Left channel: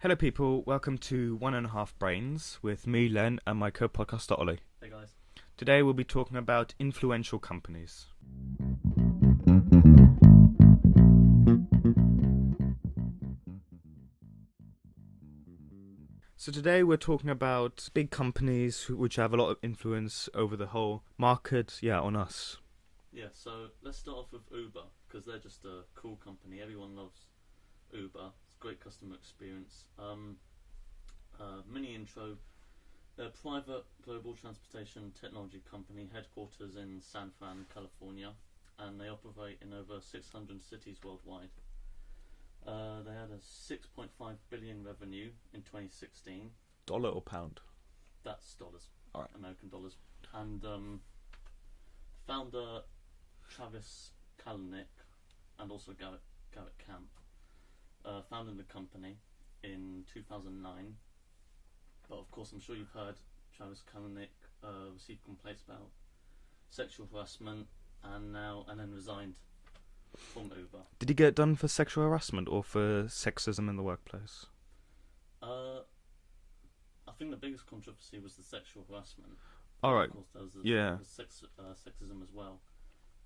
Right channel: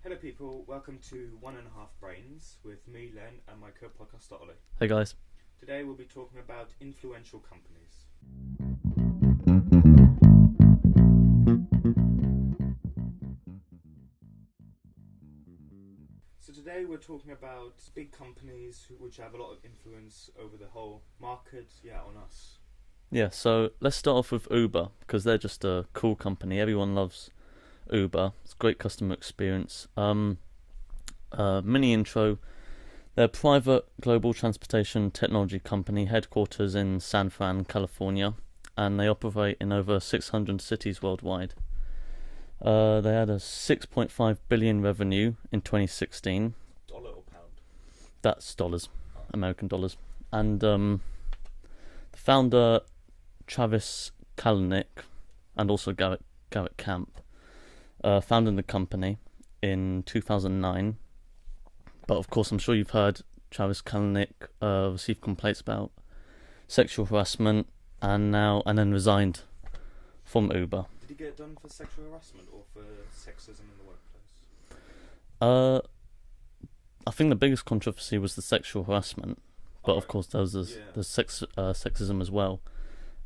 Hello, people. Welcome to One and a Half Brains with me, Len, and my co-podcaster Ollie. Hey guys. Today, we'll be talking about influential companies. So today, we're talking about big companies which have a lot of influence over the whole market. Yeah, on us. Yeah, so let's start off with Uber because they're just a cool company. Everyone loves Uber. It's a great customer experience. Mini intro. They're a private global transportation technology company, headquarters in San Fran, California, and they operate in over 600 cities worldwide. They had a 6.5 billion revenue in 2016. Dollar or pound? That's dollars, Alright. American dollars. And the founder Travis Kalanick and also Garrett Camp founded the company in 2009. But of course, I'm sure you've heard Travis Kalanick received complaints about sexual harassment and then resigned from Uber. Did he get done for sexual harassment or for sexism in the workplace? I think the biggest controversy was the sexual harassment, but Alright. of course there was the Yeah. sexism as well.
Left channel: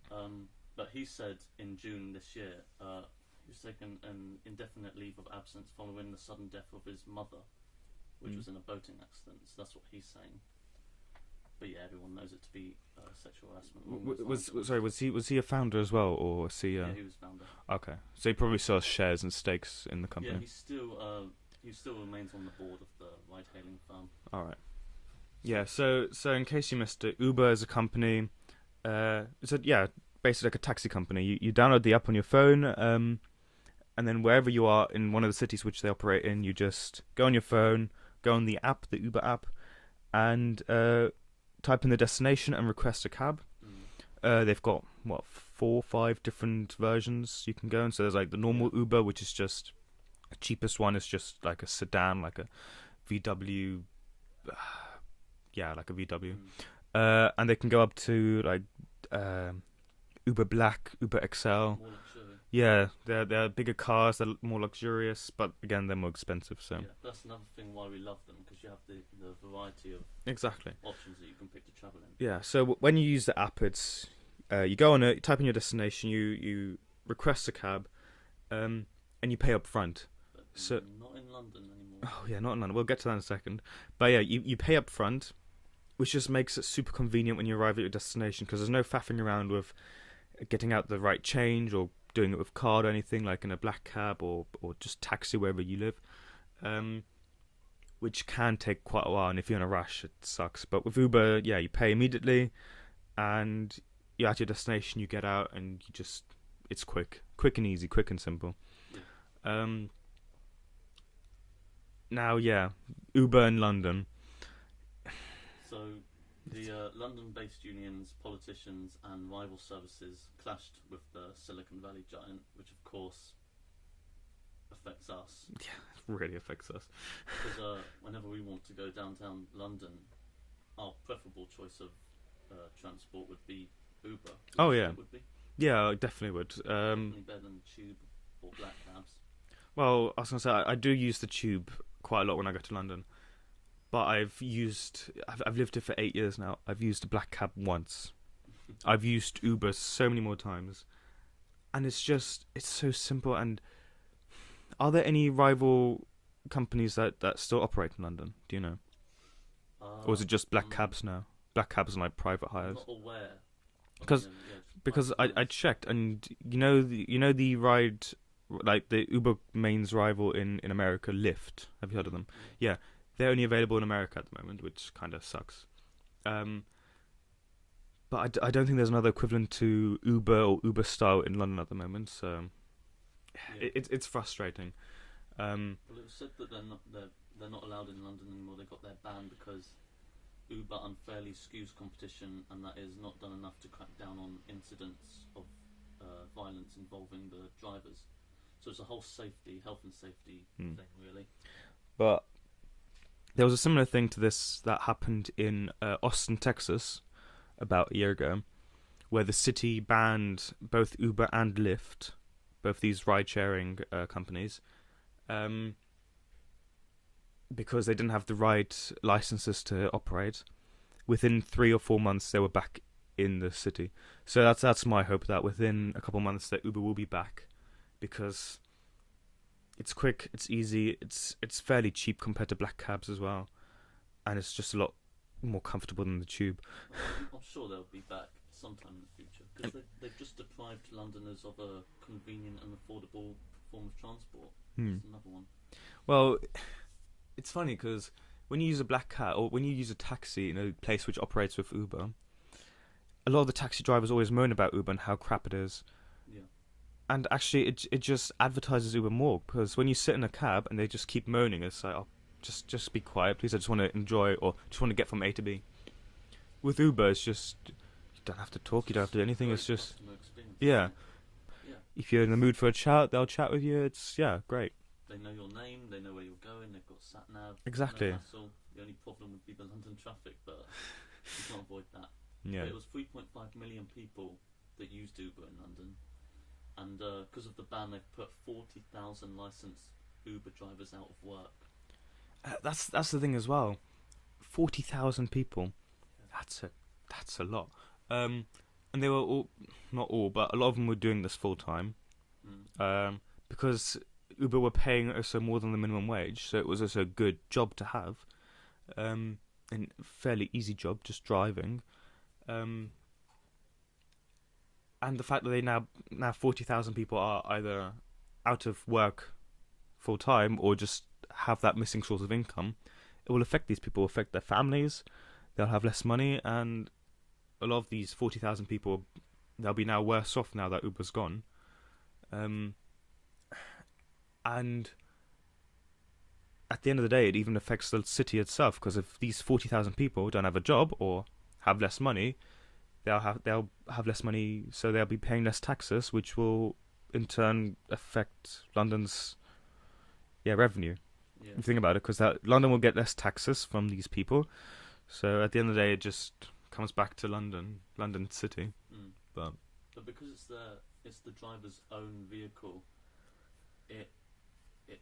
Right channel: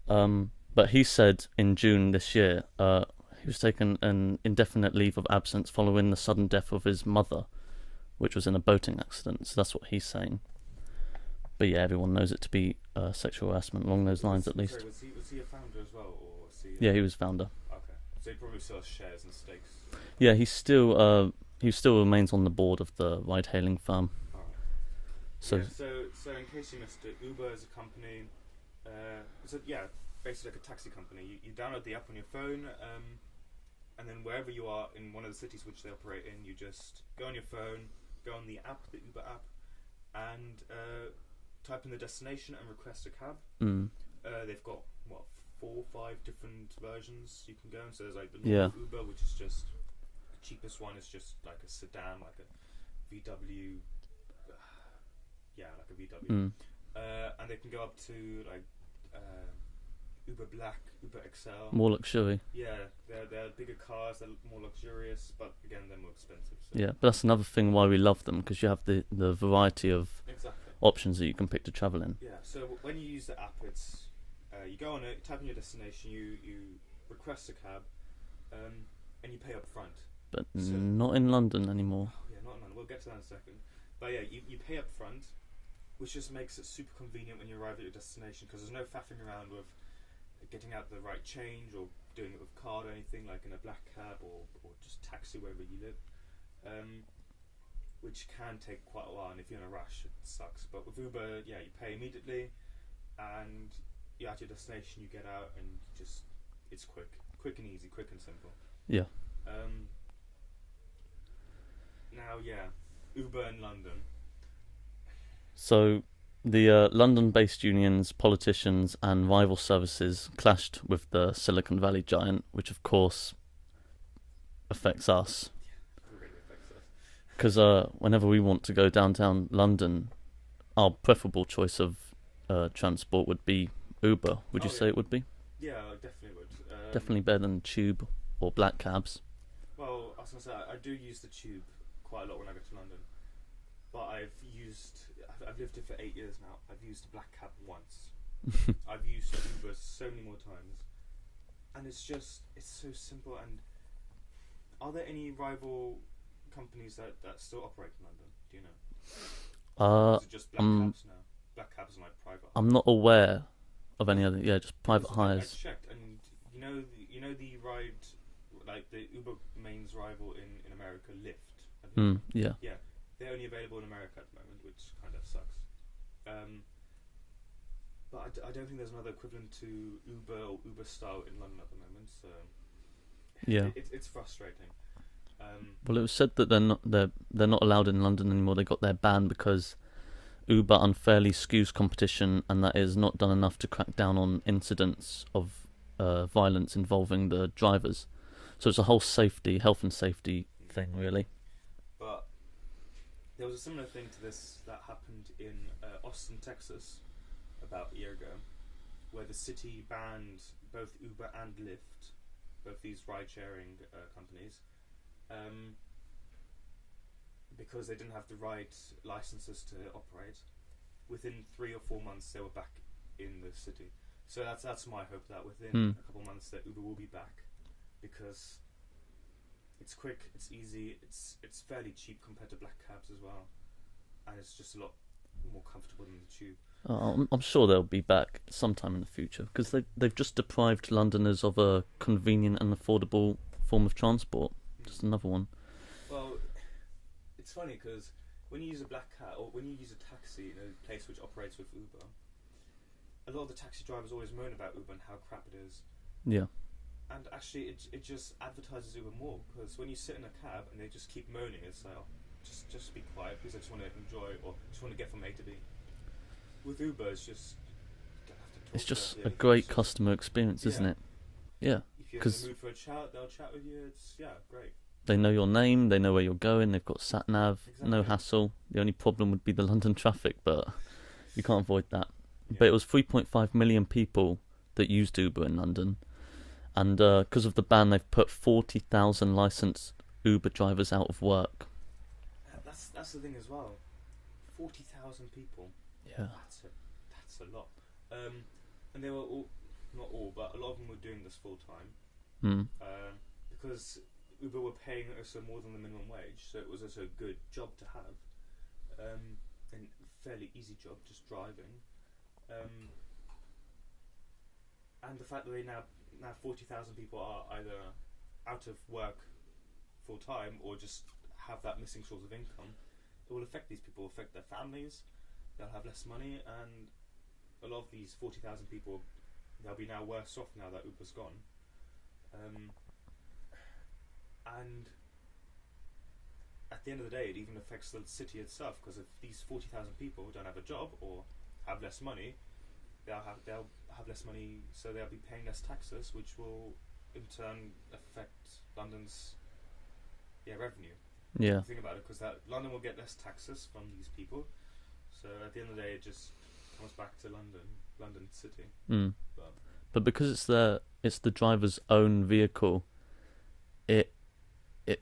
But he said in June this year he was taking an indefinite leave of absence following the sudden death of his mother, which was in a boating accident. So that's what he's saying. But yeah, everyone knows it to be sexual harassment along those lines at least. Sorry, was he a founder as well, or was he? Yeah, he was founder. Okay, so he probably still has shares and stakes in the company. Yeah, he still remains on the board of the ride-hailing firm. All right. So So in case you missed it, Uber is a company. Basically like a taxi company. You download the app on your phone, and then wherever you are in one of the cities which they operate in, you just go on your phone, go on the app, the Uber app, and type in the destination and request a cab. They've got 4 or 5 different versions you can go in. So there's like the normal Uber, which is just the cheapest one. Is just like a sedan, like a VW. Like a VW. And they can go up to like Uber Black, Uber XL. More luxury. Yeah, they're bigger cars. They're more luxurious, but again, they're more expensive. So Yeah, but that's another thing why we love them, because you have the variety of exactly options that you can pick to travel in. Yeah. So when you use the app, it's you go on it, you type in your destination, you request a cab, and you pay up front. But not in London anymore. Oh yeah, not in London. We'll get to that in a second. But yeah, you pay up front, which just makes it super convenient when you arrive at your destination, because there's no faffing around with getting out the right change or doing it with card or anything, like in a black cab or just taxi wherever you live, which can take quite a while, and if you're in a rush it sucks. But with Uber, yeah, you pay immediately and you're at your destination, you get out, and it's quick and easy, quick and simple. Yeah. Now, yeah, Uber in London. So the London-based unions, politicians and rival services clashed with the Silicon Valley giant, which of course affects us. Yeah, it really affects us. Because whenever we want to go downtown London, our preferable choice of transport would be Uber. Would you say it would be? Yeah, I definitely would. Definitely better than Tube or black cabs. Well, I was going to say, I do use the Tube quite a lot when I go to London. But I've lived here for 8 years now. I've used a black cab once. I've used Uber so many more times. And it's so simple. And are there any rival companies that still operate in London? Do you know? Or is it just black cabs now? Black cabs and like private hires? I'm not aware of any other. Yeah, just private hires. Because I checked, and you know the ride, like the Uber main's rival in America, Lyft. Have you heard of them? Yeah. Yeah. They're only available in America at the moment, which kind of sucks. But I don't think there's another equivalent to Uber or Uber style in London at the moment. So yeah, it's frustrating. Well, it was said that they're not allowed in London anymore. They got their ban because Uber unfairly skews competition, and that is not done enough to crack down on incidents of violence involving the drivers. So it's a whole health and safety thing, really. But there was a similar thing to this that happened in Austin, Texas, about a year ago, where the city banned both Uber and Lyft, both these ride-sharing companies, because they didn't have the right licenses to operate, within 3 or 4 months they were back in the city. So that's my hope, that within a couple months that Uber will be back, because it's quick, it's easy, it's fairly cheap compared to black cabs as well, and it's just a lot more comfortable than the tube. I'm sure they'll be back sometime in the future, because they've just deprived Londoners of a convenient and affordable form of transport. Just another one. Well, it's funny because when you use a black cab or when you use a taxi in a place which operates with Uber, a lot of the taxi drivers always moan about Uber and how crap it is. Yeah. And actually, it just advertises Uber more, because when you sit in a cab and they just keep moaning, it's like, oh, just be quiet, please. I just want to enjoy, or just want to get from A to B. With Uber, it's just, you don't have to talk. It's you don't just have to do a anything. great It's just, customer experience, isn't it? Yeah. if you're in the 'Cause mood for a chat, they'll chat with you. It's great. they know your name, they know where you're going, they've got sat nav, Exactly. no hassle. The only problem would be the London traffic, but you can't avoid that. Yeah. But it was 3.5 million people that used Uber in London, and because of the ban, they've put 40,000 licensed Uber drivers out of work. That's the thing as well. 40,000 people. Yeah. That's a lot. And they were all, not all, but a lot of them were doing this full time. Because Uber were paying also more than the minimum wage, so it was also a good job to have. And fairly easy job, just driving. And the fact that they now 40,000 people are either out of work full time or just have that missing source of income, it will affect these people, affect their families. They'll have less money, and a lot of these 40,000 people, they'll be now worse off now that Uber's gone. And at the end of the day, it even affects the city itself, because if these 40,000 people don't have a job or have less money, they'll have less money, so they'll be paying less taxes, which will in turn affect London's revenue. Yeah. Think about it, because London will get less taxes from these people. So at the end of the day, it just comes back to London City. But because it's the driver's own vehicle, it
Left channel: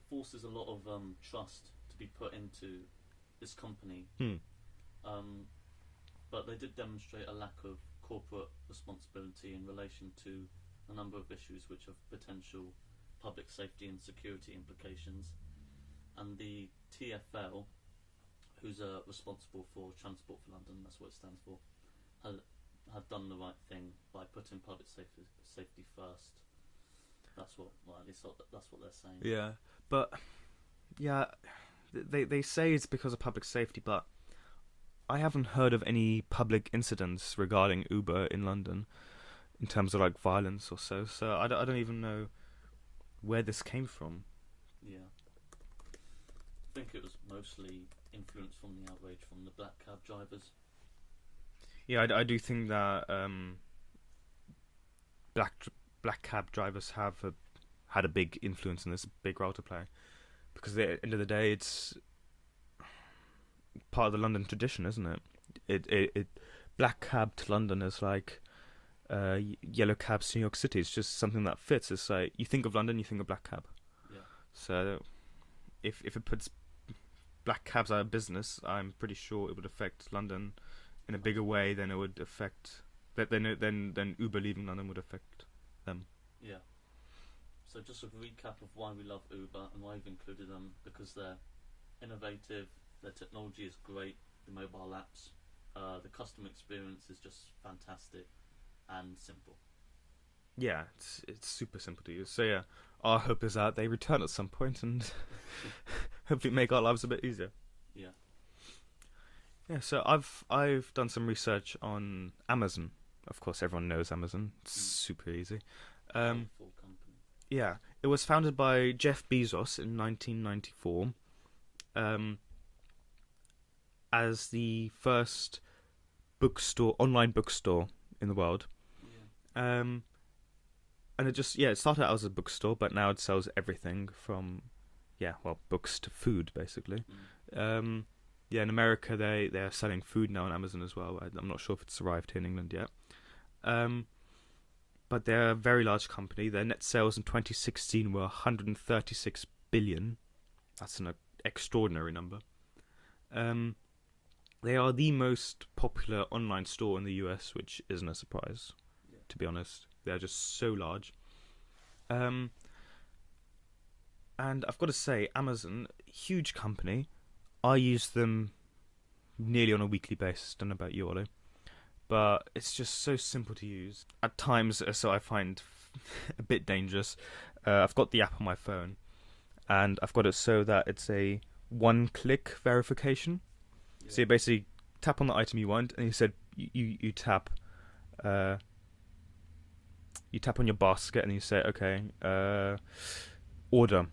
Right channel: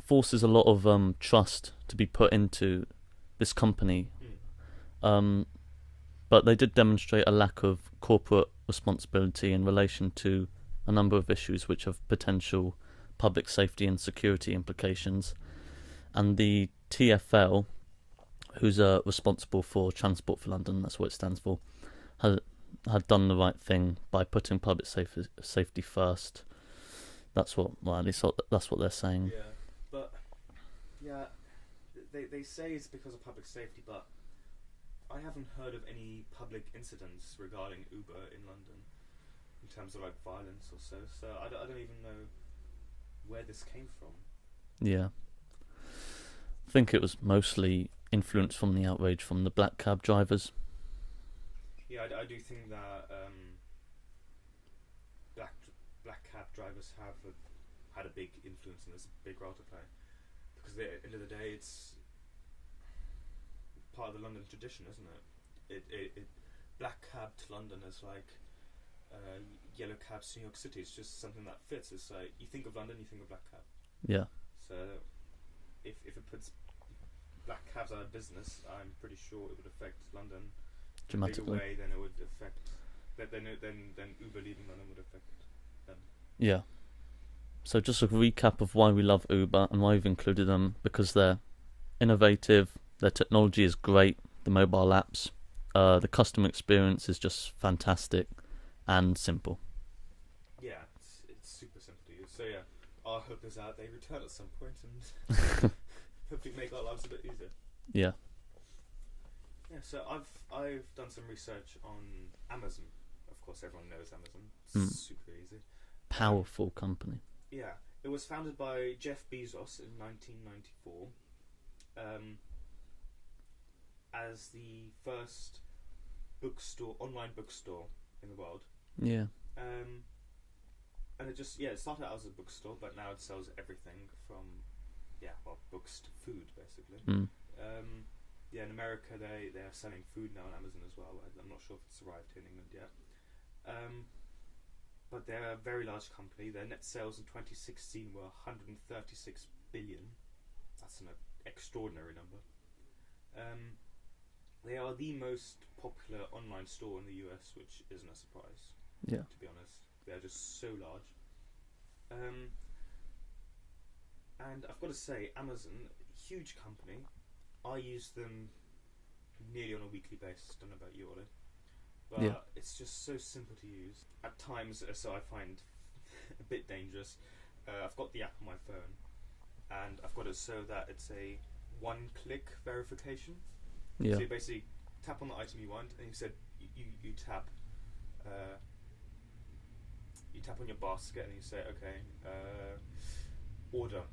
forces a lot of trust to be put into this company. But they did demonstrate a lack of corporate responsibility in relation to a number of issues which have potential public safety and security implications. And the TfL, who's responsible for Transport for London, that's what it stands for, had done the right thing by putting public safety first. That's what they're saying. Yeah, but they say it's because of public safety, but I haven't heard of any public incidents regarding Uber in London in terms of like violence or so. So I don't even know where this came from. Yeah. I think it was mostly influenced from the outrage from the black cab drivers. Yeah, I do think that black cab drivers have had a big influence in this, big role to play, because at the end of the day, it's part of the London tradition, isn't it? It black cab to London is like yellow cabs to New York City. It's just something that fits. It's like you think of London, you think of black cab. Yeah. So if it puts black cabs out of business, I'm pretty sure it would affect London in a bigger way than it would affect than Uber leaving London would affect them. Yeah. So just a recap of why we love Uber and why we've included them: because they're innovative, their technology is great, the mobile apps, the customer experience is just fantastic and simple. Yeah, it's super simple to use. So yeah, our hope is that they return at some point and hopefully make our lives a bit easier. Yeah. Yeah, so I've done some research on Amazon. Of course, everyone knows Amazon. It's super easy. Powerful company. Yeah, it was founded by Jeff Bezos in 1994 as the first online bookstore in the world. Yeah. And it started out as a bookstore, but now it sells everything from, books to food, basically. In America, they are selling food now on Amazon as well. I'm not sure if it's arrived here in England yet. But they're a very large company. Their net sales in 2016 were 136 billion, That's an extraordinary number. They are the most popular online store in the US, which isn't a surprise, Yeah. to be honest. They're just so large. And I've got to say, Amazon, huge company. I use them nearly on a weekly basis. Don't know about you, Ollie. But it's just so simple to use. At times, so I find a bit dangerous. I've got the app on my phone, and I've got it so that it's a one-click verification. Yeah. So you basically tap on the item you want, and you said you tap on your basket, and you say, okay, order.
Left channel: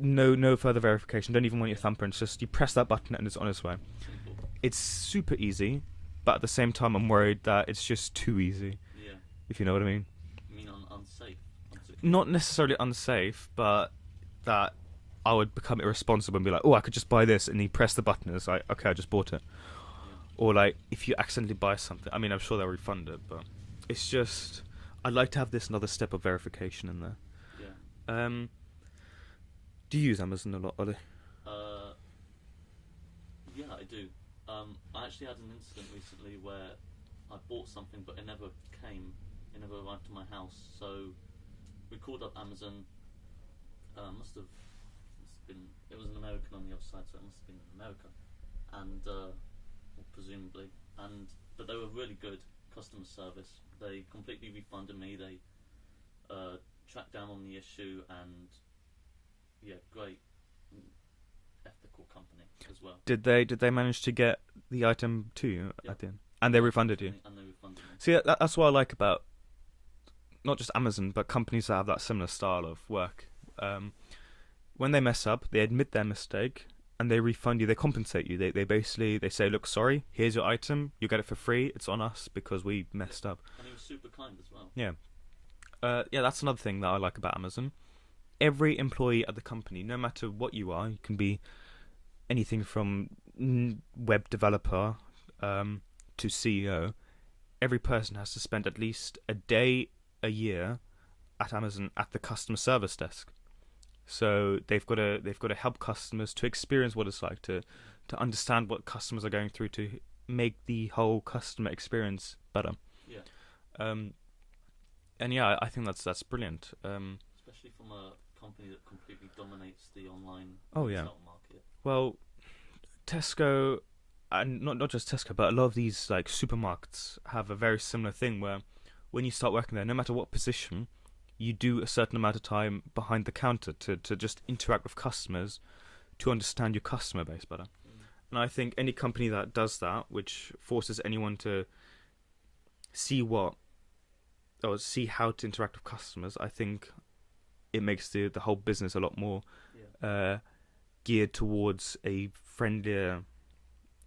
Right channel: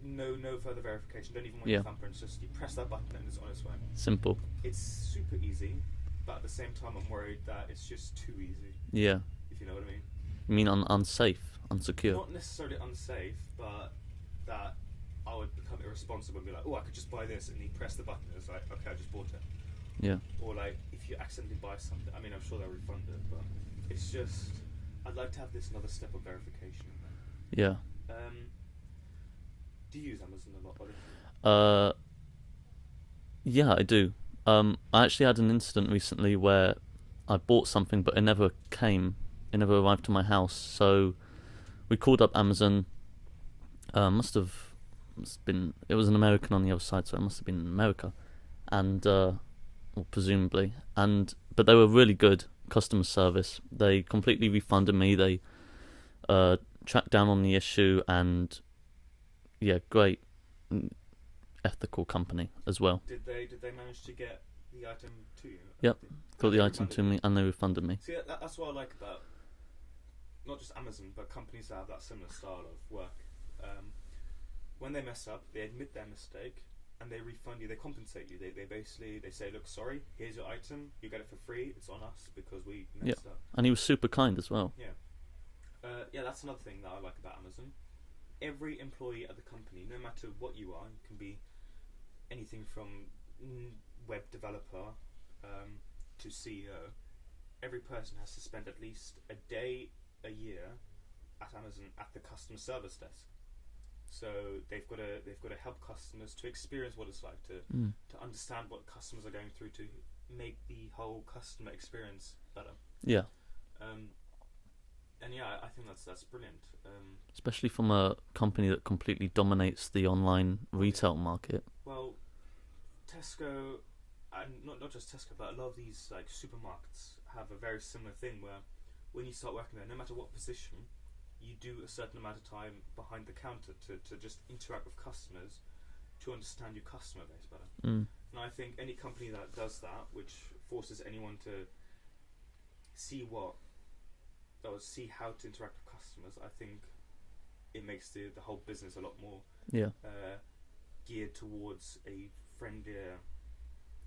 No further verification. Don't even want your thumbprint. Just you press that button, and it's on its way. Simple. It's super easy, but at the same time, I'm worried that it's just too easy. Yeah. If you know what I mean. You mean unsafe, unsecure? Not necessarily unsafe, but that I would become irresponsible and be like, oh, I could just buy this, and you press the button, and it's like, okay, I just bought it. Yeah. Or like, if you accidentally buy something, I mean, I'm sure they'll refund it, but it's just, I'd like to have this another step of verification in there. Yeah. Do you use Amazon a lot, Ollie? Yeah, I do. I actually had an incident recently where I bought something, but it never came. It never arrived to my house. So we called up Amazon. Must have been. It was an American on the other side, so it must have been in America, and well, presumably. But they were really good customer service. They completely refunded me. They tracked down on the issue, and yeah, great, ethical company as well. Did they manage to get the item to you? Yeah. At the end? And they refunded you. And they refunded me. See, that's what I like about not just Amazon, but companies that have that similar style of work. When they mess up, they admit their mistake and they refund you. They compensate you. They basically say, look, sorry, here's your item. You get it for free. It's on us because we messed up. And he was super kind as well. Yeah. That's another thing that I like about Amazon. Every employee at the company, no matter what you are, you can be anything from web developer to CEO. Every person has to spend at least a day a year at Amazon at the customer service desk. So they've got to help customers to experience what it's like to understand what customers are going through to make the whole customer experience better. Yeah. And yeah, I think that's brilliant. Especially from a company that completely dominates the online retail market. Well, Tesco, and not just Tesco, but a lot of these like supermarkets have a very similar thing where when you start working there, no matter what position, you do a certain amount of time behind the counter to just interact with customers, to understand your customer base better. And I think any company that does that, which forces anyone to see how to interact with customers, I think it makes the whole business a lot more geared towards a friendlier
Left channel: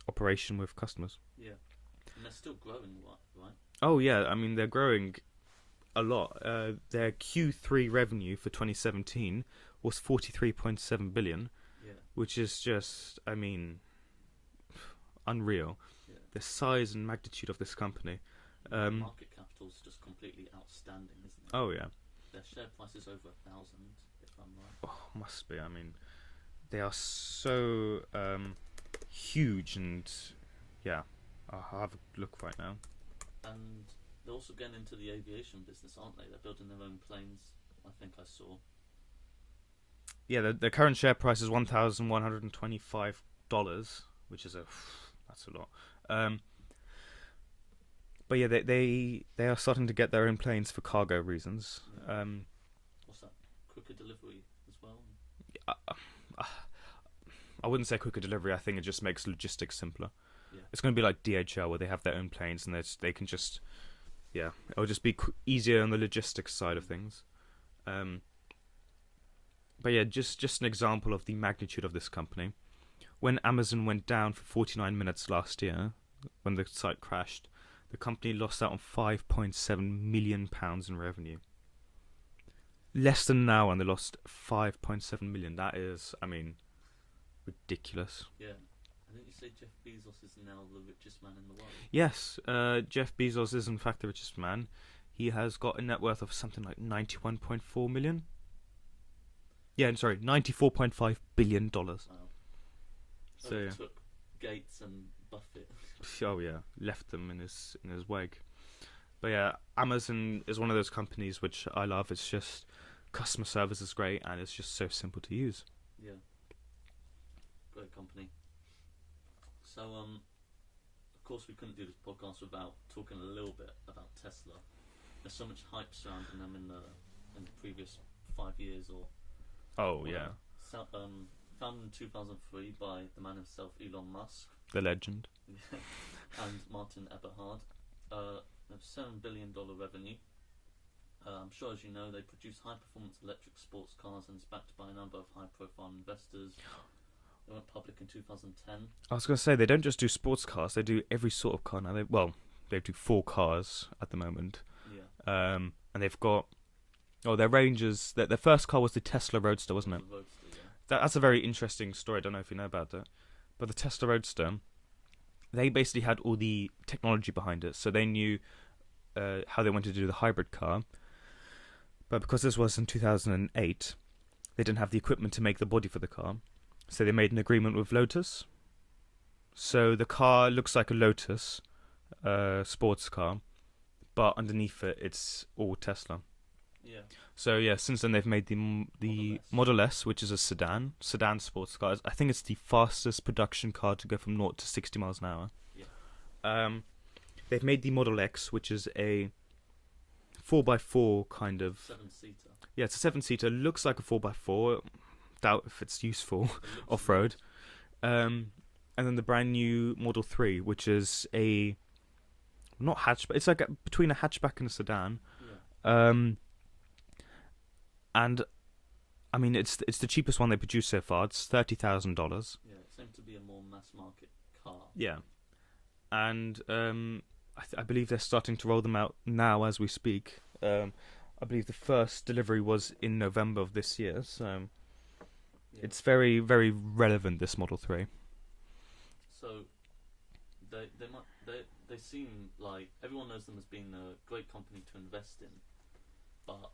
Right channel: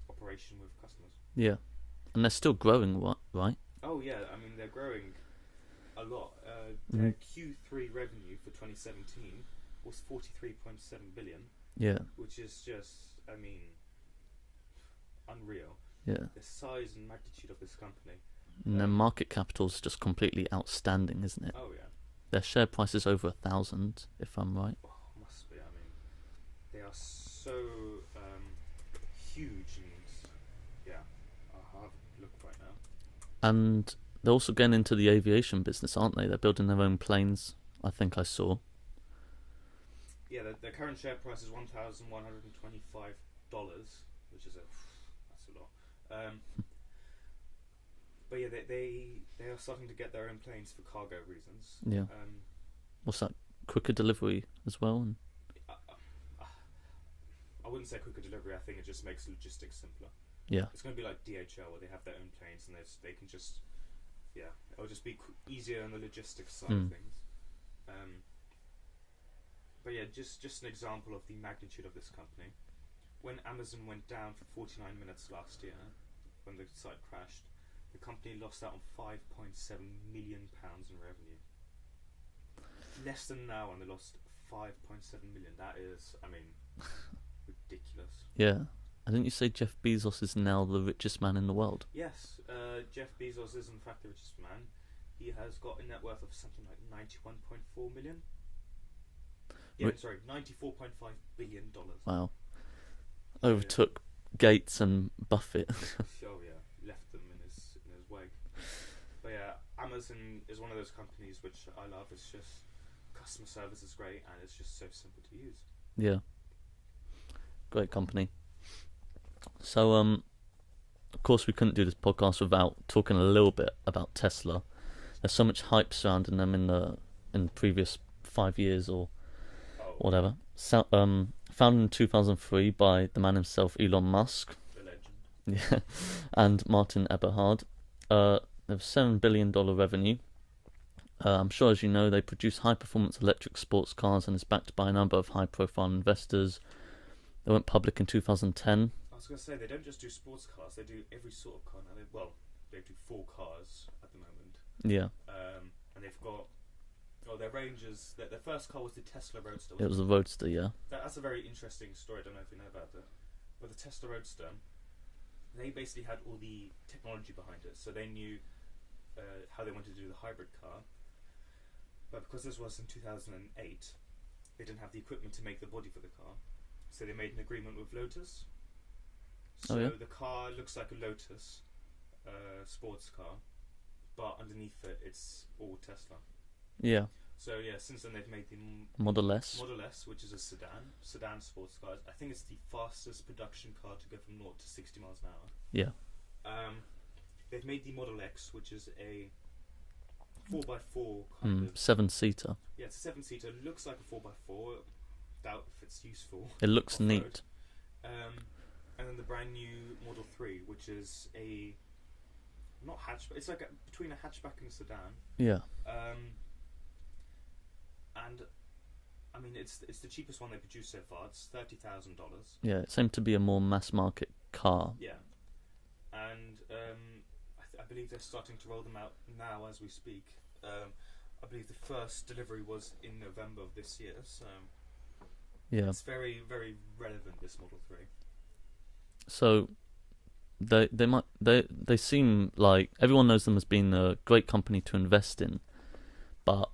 operation with customers. Yeah. And they're still growing, right? Oh yeah, I mean they're growing a lot. Their Q3 revenue for 2017 was 43.7 billion. Yeah. Which is just, I mean, unreal. Yeah. The size and magnitude of this company. And their market capital is just completely outstanding, isn't it? Oh yeah. Their share price is over 1,000, if I'm right. Oh, must be. I mean, they are so huge, and yeah, I'll have a look right now. And they're also getting into the aviation business, aren't they? They're building their own planes, I think I saw. Yeah, the current share price is $1,125, which is that's a lot. But yeah, they are starting to get their own planes for cargo reasons. Yeah. What's that? Quicker delivery as well? I wouldn't say quicker delivery. I think it just makes logistics simpler. Yeah. It's going to be like DHL, where they have their own planes and they can just, it'll just be easier on the logistics side of things. But yeah, just an example of the magnitude of this company. When Amazon went down for 49 minutes last year, when the site crashed, the company lost out on £5.7 million in revenue. Less than an hour, and they lost 5.7 million. That is, I mean, ridiculous. Yeah. Didn't you say Jeff Bezos is now the richest man in the world? Yes, Jeff Bezos is in fact the richest man. He has got a net worth of something like 91.4 million. Yeah, I'm sorry, $94.5 billion. Wow. So, yeah. Overtook Gates and Buffett. Oh yeah, left them in his wake. But yeah, Amazon is one of those companies which I love. It's just customer service is great and it's just so simple to use. Yeah. Great company. So of course we couldn't do this podcast without talking a little bit about Tesla. There's so much hype surrounding them in the previous 5 years or whatever. Yeah. So, founded in 2003 by the man himself, Elon Musk. The legend. Yeah, and Martin Eberhard. They have $7 billion revenue. I'm sure, as you know, they produce high-performance electric sports cars and is backed by a number of high-profile investors. They went public in 2010. I was going to say, they don't just do sports cars, they do every sort of car now. They do 4 cars at the moment. Yeah. And they've got... their ranges... Their first car was the Tesla Roadster, wasn't it? It was a Roadster, yeah. That's a very interesting story. I don't know if you know about it. But the Tesla Roadster, they basically had all the technology behind it. So they knew how they wanted to do the hybrid car. But because this was in 2008, they didn't have the equipment to make the body for the car. So they made an agreement with Lotus. So the car looks like a Lotus sports car. But underneath it, it's all Tesla. Yeah. So yeah, since then they've made the Model S. Model S, which is a sedan sports car. I think it's the fastest production car to go from 0 to 60 miles an hour. Yeah. They've made the Model X, which is a 4x4 kind of 7-seater. Yeah, it's a 7-seater. Looks like a 4x4. Doubt if it's useful. It looks off-road. neat. And then the brand new Model 3, which is a not hatchback. It's like between a hatchback and a sedan. Yeah. And I mean, it's the cheapest one they produced so far. It's $30,000. Yeah, it seemed to be a more mass market car. Yeah, and I believe they're starting to roll them out now as we speak. I believe the first delivery was in November of this year. So Yeah. it's very, very relevant, this Model 3. So they seem like everyone knows them as being a great company to invest in, but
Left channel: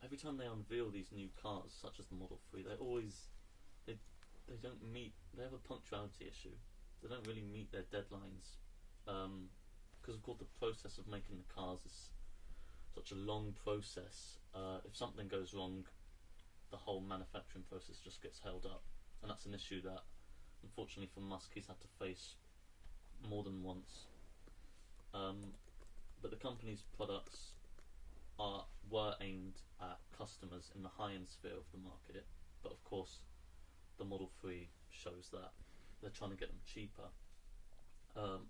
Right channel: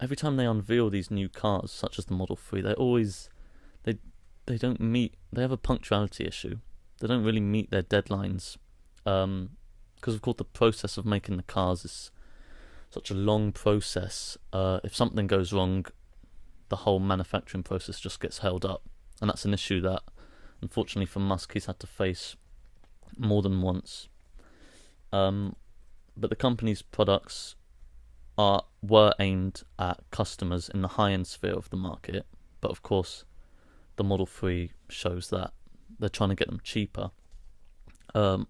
every time they unveil these new cars, such as the Model 3, they don't meet. They have a punctuality issue. They don't really meet their deadlines, because of course the process of making the cars is such a long process. If something goes wrong, the whole manufacturing process just gets held up, and that's an issue that, unfortunately for Musk, he's had to face more than once. But the company's products were aimed at customers in the high-end sphere of the market, but of course the Model 3 shows that they're trying to get them cheaper. But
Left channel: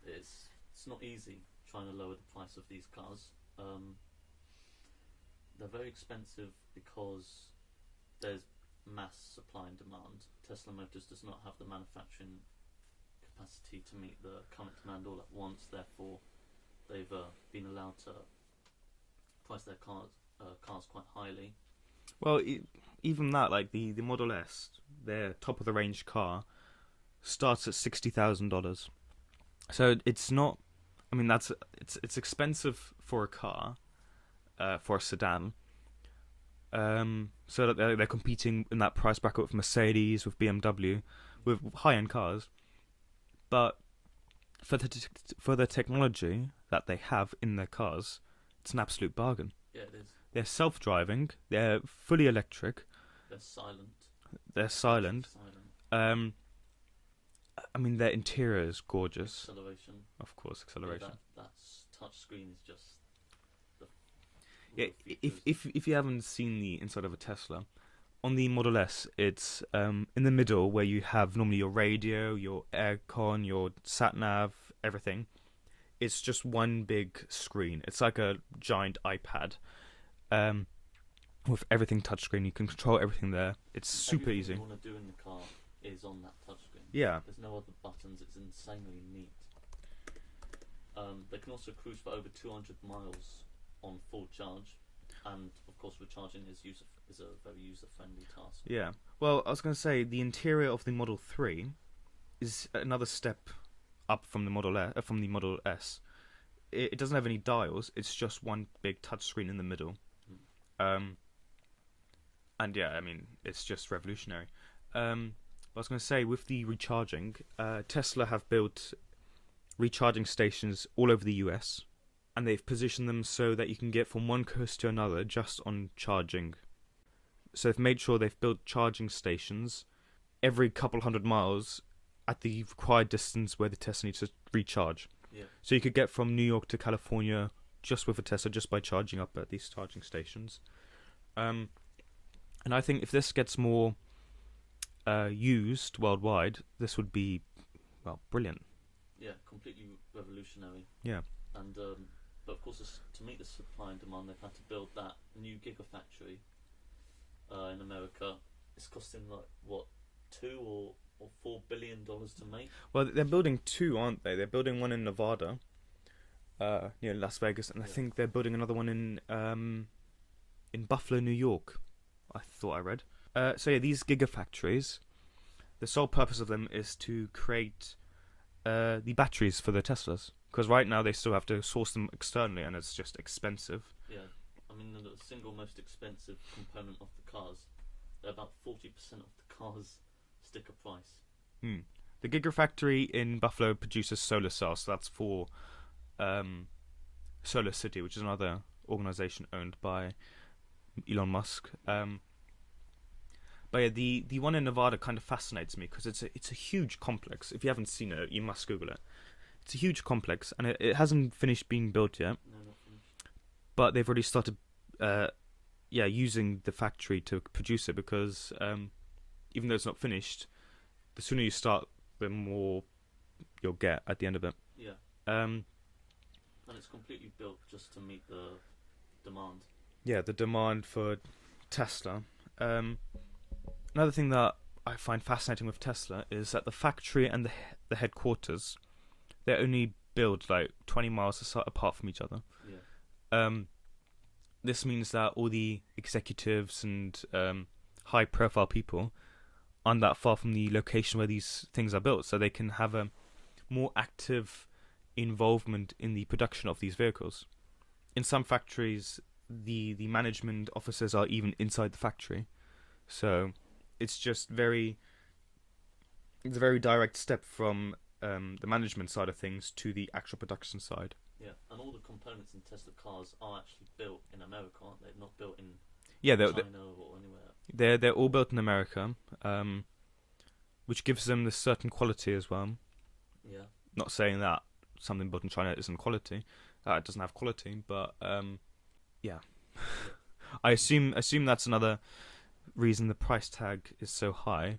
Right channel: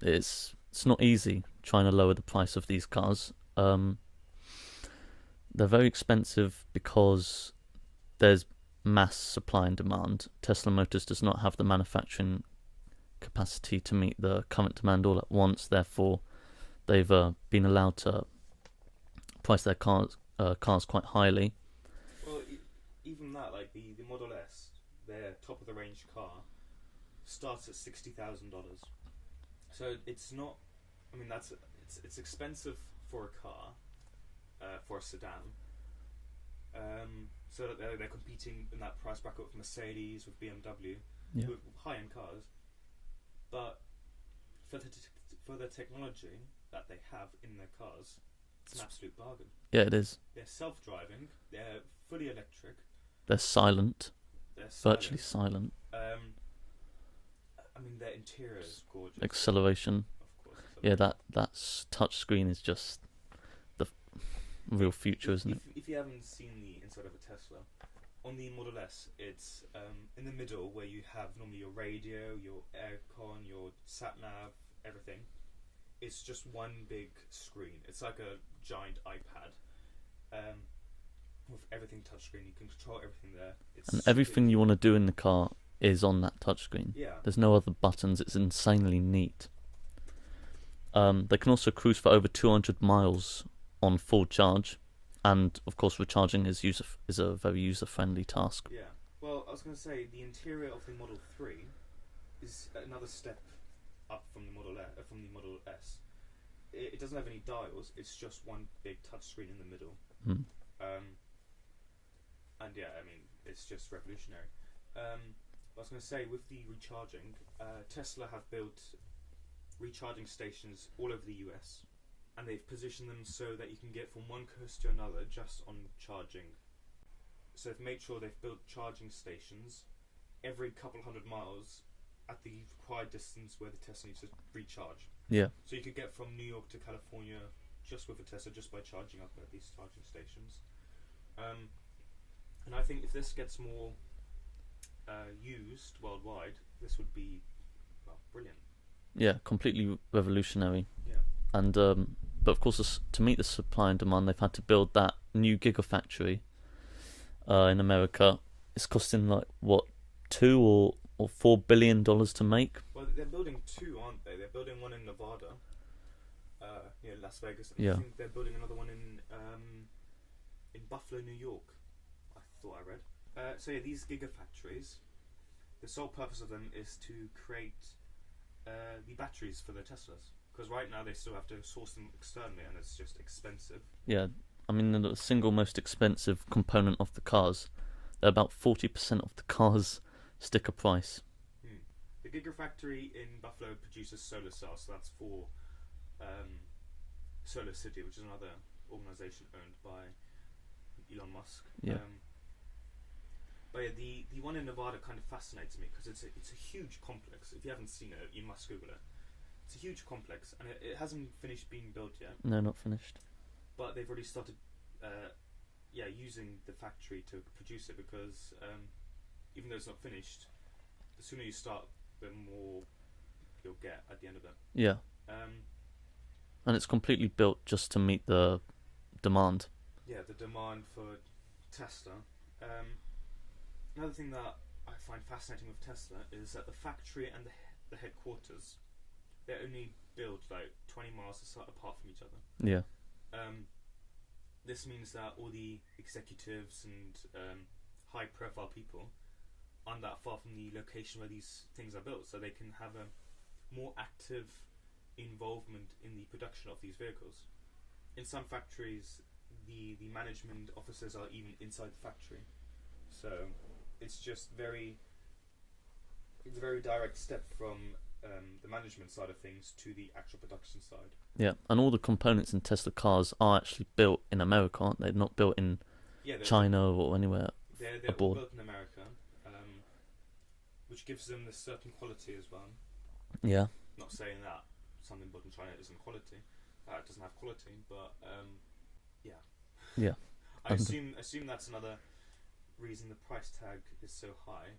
it's not easy trying to lower the price of these cars. They're very expensive because there's mass supply and demand. Tesla Motors does not have the manufacturing capacity to meet the current demand all at once. Therefore, they've been allowed to price their cars quite highly. Well, even that, like the Model S, their top of the range car, starts at $60,000. So it's not. I mean, it's expensive for a car, for a sedan. So that they're competing in that price bracket with Mercedes, with BMW, with high-end cars. But for the technology that they have in their cars, it's an absolute bargain. Yeah, it is. They're self-driving. They're fully electric. They're silent. Virtually silent. I mean, their interior is gorgeous. Acceleration. Of course, acceleration. Yeah, that touch screen is just the real future, isn't it? If you haven't seen the inside of a Tesla, on the Model S, it's in the middle where you have normally your radio, your aircon, your sat-nav, everything. It's just one big screen. It's like a giant iPad, with everything touchscreen. You can control everything there. It's everything easy. you want to do in the car is on that touchscreen. Yeah. There's no other buttons. It's insanely neat. They can also cruise for over 200 miles on full charge, and of course, recharging is a very user-friendly task. Yeah. Well, I was going to say the interior of the Model 3 is another step up from the Model S. It doesn't have any dials. It's just one big touchscreen in the middle. And yeah, I mean, it's just revolutionary. I was going to say, with the recharging, Tesla have built recharging stations all over the US, and they've positioned them so that you can get from one coast to another just on charging. So they've made sure they've built charging stations every couple hundred miles at the required distance where the Tesla needs to recharge. Yeah. So you could get from New York to California just with a Tesla, just by charging up at these charging stations. And I think if this gets more used worldwide, this would be, well, brilliant. Yeah, completely revolutionary. Yeah. And but of course, to meet the supply and demand, they've had to build that new gigafactory in America. It's costing like what, $2 or $4 billion to make. Well, they're building two, aren't they? They're building one in Nevada, near Las Vegas, and Yeah. I think they're building another one in Buffalo, New York. I thought I read. So yeah, these gigafactories, the sole purpose of them is to create the batteries for the Teslas. Because right now they still have to source them externally, and it's just expensive. Yeah, I mean the single most expensive component of the cars. They're about 40% of the car's sticker price. The gigafactory in Buffalo produces solar cells, so that's for Solar City, which is another organization owned by Elon Musk. Yeah. But yeah, the one in Nevada kind of fascinates me because it's a huge complex. If you haven't seen it, you must Google it. It's a huge complex, and it hasn't finished being built yet. No, not finished. But they've already started, using the factory to produce it because even though it's not finished, the sooner you start, the more you'll get at the end of it. Yeah. And it's completely built just to meet the demand. Yeah, the demand for Tesla. Another thing that I find fascinating with Tesla is that the factory and the headquarters, they're only built like 20 miles apart from each other. Yeah. This means that all the executives and high-profile people aren't that far from the location where these things are built, so they can have a more active involvement in the production of these vehicles. In some factories, the management offices are even inside the factory, so it's just it's a very direct step from the management side of things to the actual production side. Yeah, and all the components in Tesla cars are actually built in America, aren't they? Not built in China or anywhere. They're all abroad. built in America, which gives them this certain quality as well. Yeah. Not saying that something built in China isn't quality. It doesn't have quality, but yeah. Yeah. I assume that's another reason the price tag is so high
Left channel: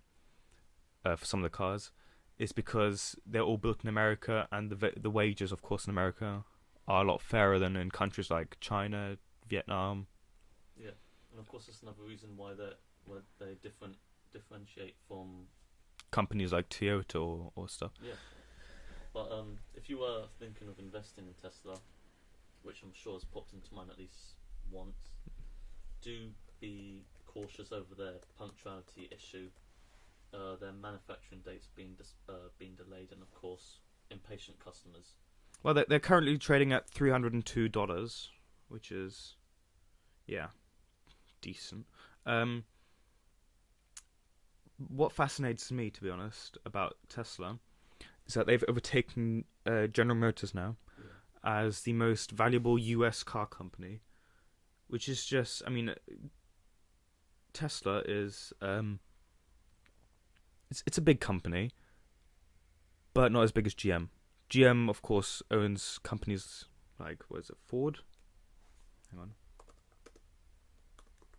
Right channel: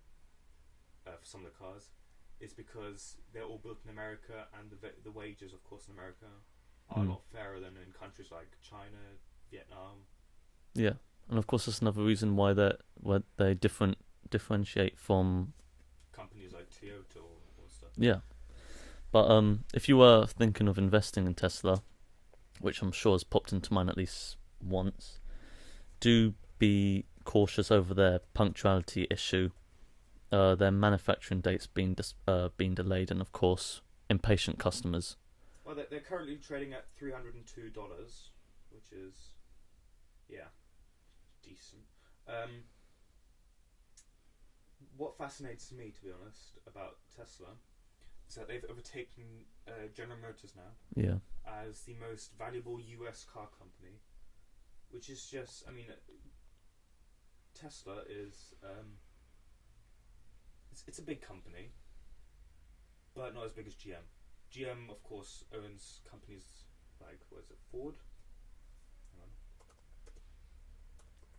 for some of the cars, is because they're all built in America, and the wages, of course, in America are a lot fairer than in countries like China, Vietnam. Yeah, and of course that's another reason why they differentiate from companies like Toyota or stuff. Yeah, but if you were thinking of investing in Tesla, which I'm sure has popped into mind at least once, do be cautious over their punctuality issue. Their manufacturing dates being delayed, and of course impatient customers. Well, they're currently trading at $302, which is, yeah, decent. What fascinates me, to be honest, about Tesla is that they've overtaken General Motors now as the most valuable US car company, which is just, I mean, Tesla is it's a big company, but not as big as GM. GM, of course, owns companies like, what is it, Ford? Hang on.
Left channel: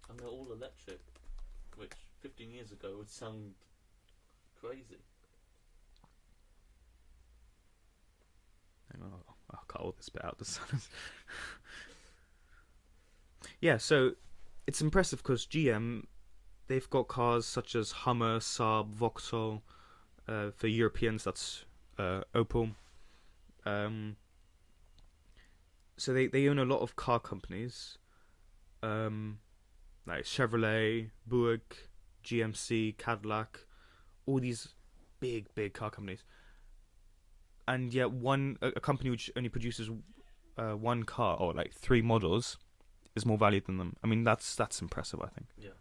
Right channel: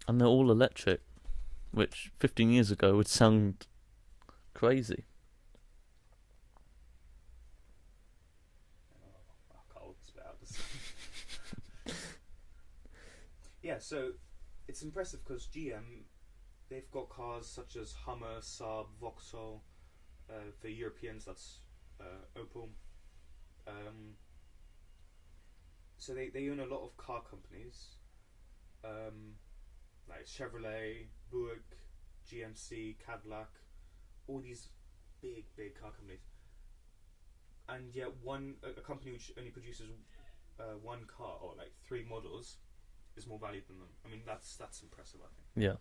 And they're all electric, which 15 years ago would sound crazy. Hang on, I'll cut all this bit out. Yeah, so it's impressive because GM, they've got cars such as Hummer, Saab, Vauxhall. For Europeans, that's Opel. So they own a lot of car companies, like Chevrolet, Buick, GMC, Cadillac, all these big car companies. And yet a company which only produces one car or like 3 models is more valued than them. I mean, that's impressive, I think. Yeah.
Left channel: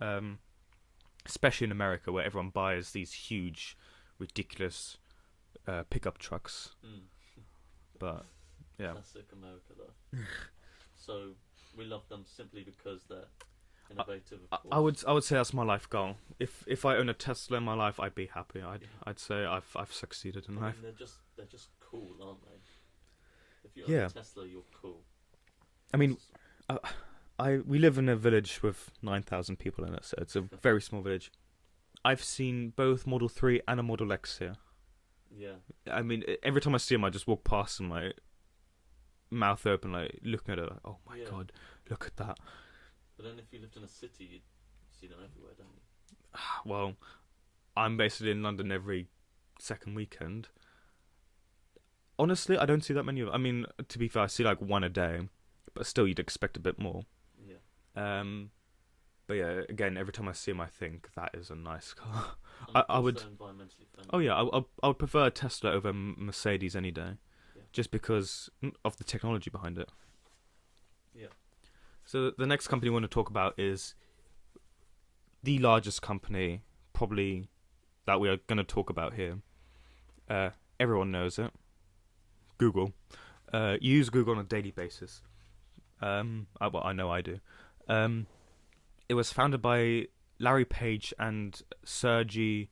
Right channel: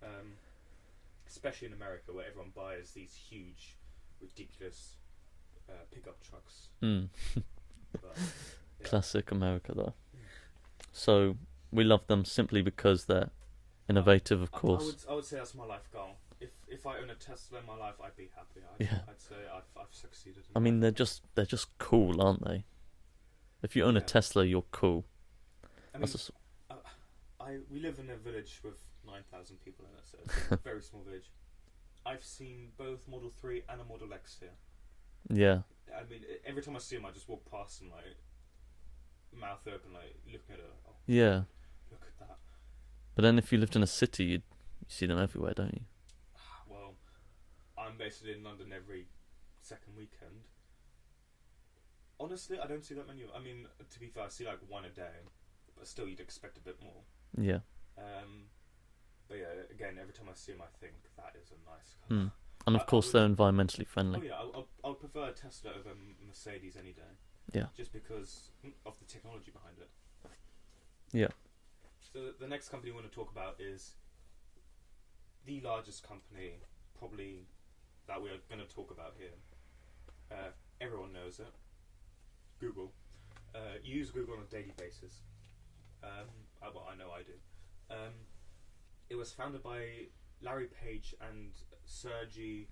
um, especially in America where everyone buys these huge, ridiculous pickup trucks. Mm. But yeah, Classic America, though. So we love them simply because they're innovative, of course. I would say that's my life goal. If I own a Tesla in my life, I'd be happy. Yeah. I'd say I've succeeded in I life. mean, they're just cool, aren't they? If you own Yeah. a Tesla, you're cool. I mean, That's we live in a village with 9,000 people in it, so it's a very small village. I've seen both Model 3 and a Model X here. yeah, I mean, every time I see them, I just walk past and like mouth open, like looking at it. Like, oh my Yeah. god, look at that. but then if you lived in a city, you'd see them everywhere, don't you? Well, I'm basically in London every second weekend. Honestly, I don't see that many of them. I mean, to be fair, I see like one a day, but still, you'd expect a bit more. Yeah. But yeah, again, every time I see them, I think that is a nice car. Mm. And of I course, would- they're environmentally friendly. Oh yeah, I would prefer a Tesla over Mercedes any day. Yeah. Just because of the technology behind it. Yeah. So the next company we want to talk about is the largest company, probably, that we are going to talk about here. Everyone knows it. Google. You use Google on a daily basis. Well, I know I do. It was founded by Larry Page and Sergey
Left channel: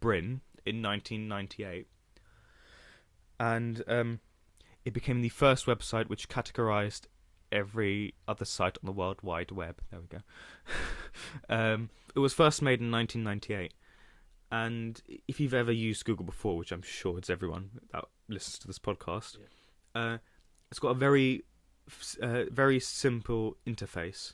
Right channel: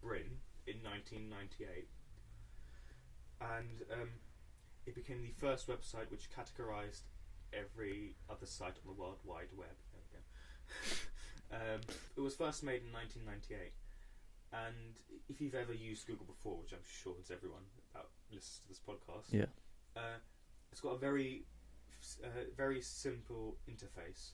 Brin in 1998. And it became the first website which categorized every other site on the World Wide Web. There we go. It was first made in 1998. And if you've ever used Google before, which I'm sure it's everyone that listens to this podcast, it's got a very simple interface.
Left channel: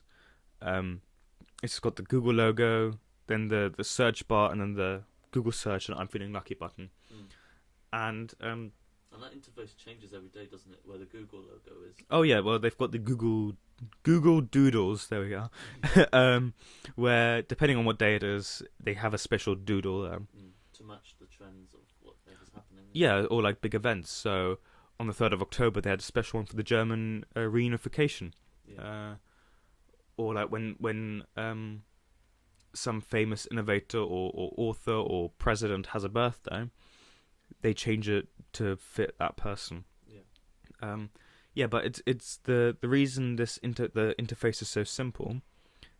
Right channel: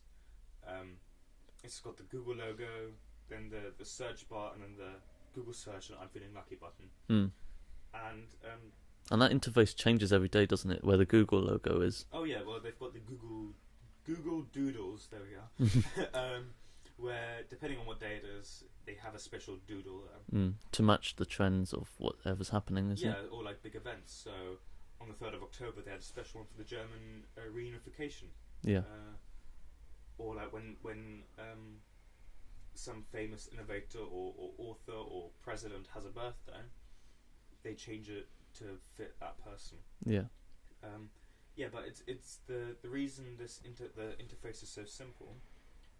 It's got the Google logo, then the search bar, and then the Google search and I'm feeling lucky button. Mm. And And that interface changes every day, doesn't it? Where the Google logo is. oh yeah, well they've got the Google Doodles. There we go. Where depending on what day it is, they have a special doodle. To match the trends of whatever's happening. isn't Yeah, it? or like big events. So on the 3rd of October, they had a special one for the German reunification. Yeah. Or like when some famous innovator or author or president has a birthday, they change it to fit that person. Yeah. Yeah, but it's the reason the interface is so simple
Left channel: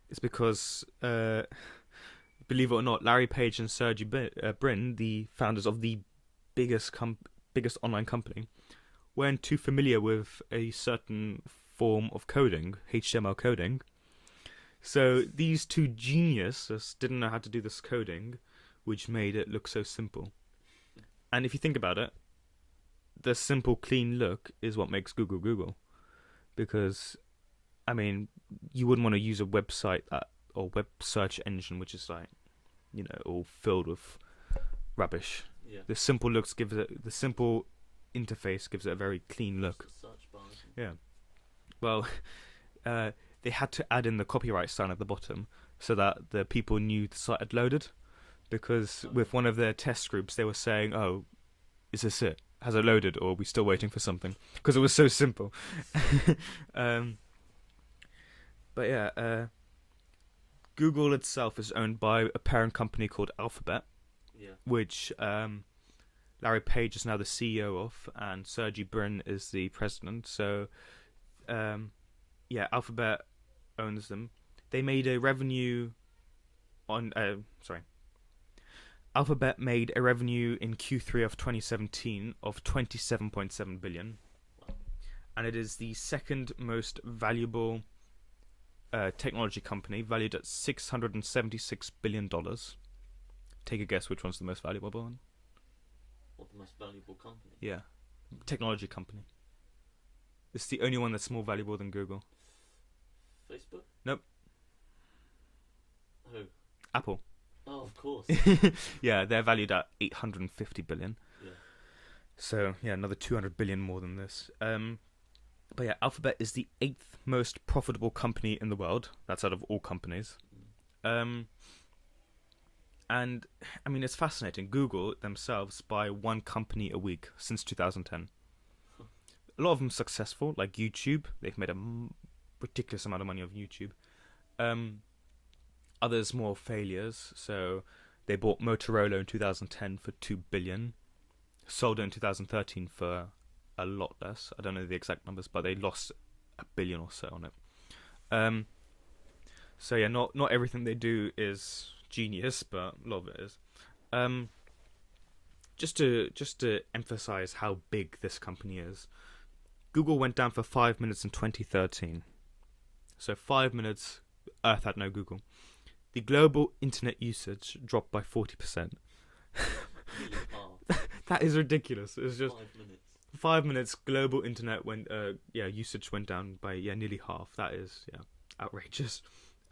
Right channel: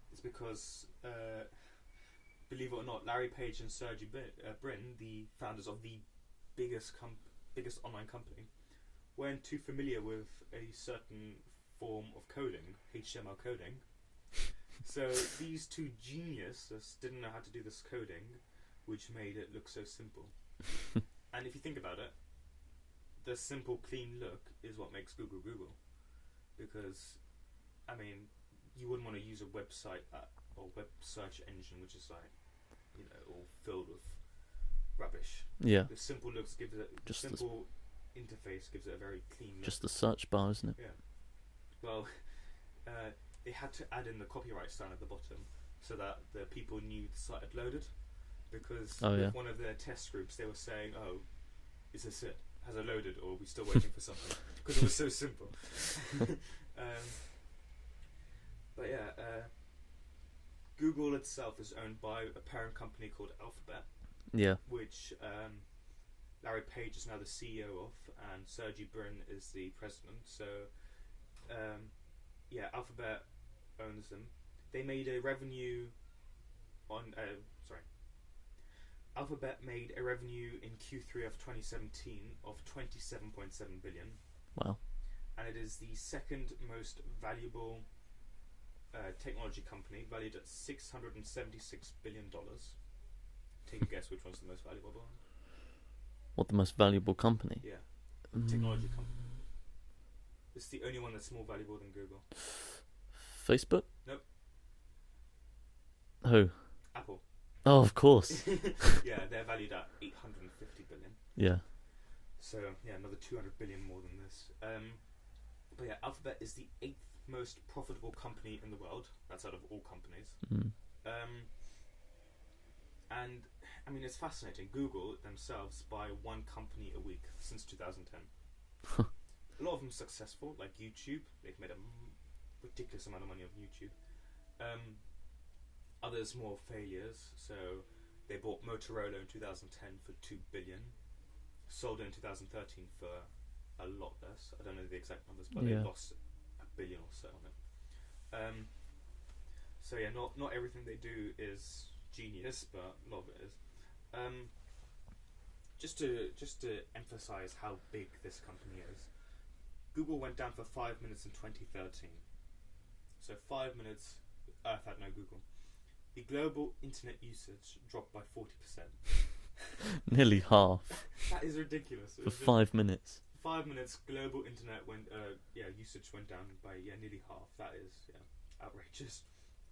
is because believe it or not, Larry Page and Sergey Brin, the founders of the biggest online company, weren't too familiar with a certain form of coding, HTML coding. So these two geniuses didn't know how to do this coding, which made it look so simple. And if you think about it, the simple, clean look is what makes Google Google. Because, I mean, you wouldn't want to use a website or web search engine which is like, all filled with rubbish. Yeah. The simple looks gives it the simple interface gives it a very clean look. Just the search bar, isn't it? Yeah. Well, they had to add in the copyright sign at the bottom so that the people knew the site had loaded. Because with one of their test groups, they were saying, "Oh, is this it? Has it loaded, or are we still waiting for something?" Because it was so simple. But yeah, Google itself is owned by a parent company called Alphabet, Yeah. which Larry Page is now the CEO of, and Sergey Brin is the president. So, Alphabet owns them. They made a revenue on Alphabet made a revenue in Q3 of 2017 of 27.7 billion. Wow. And it is the second most valuable technology company, valued at $676 billion. Take a guess which one's the most valuable one? What, the most valuable company? Yeah, technology company. It's the only one that's more valuable than Google. Facebook? Nope. Who? Apple. Oh, of course. Yeah, they're valued at 850 billion. Yeah. So, yeah, another 200 billion more than this. But yeah, Alphabet is the 8th most profitable company in the world. That's out of all companies. Mm. And, I mean, it's fascinating. Google themselves buy one company a week since 2010. A lot of them successful, like YouTube. They've made a ridiculous amount of money off YouTube. others more failures. So they bought Motorola in 2010 for 2 billion, sold it in 2013 for a lot less. I don't know the exact numbers, but they lost $1 billion or so on it. So yeah, not everything they do is genius, but a lot of it is. Just to emphasize how big this company is, Google went down for 5 minutes in 2013. So 5 minutes, Earth had no Google. The global internet usage dropped by 40%. Nearly half. That is ridiculous. For 5 minutes. 5 minutes, global internet usage went down by nearly half. That is outrageous.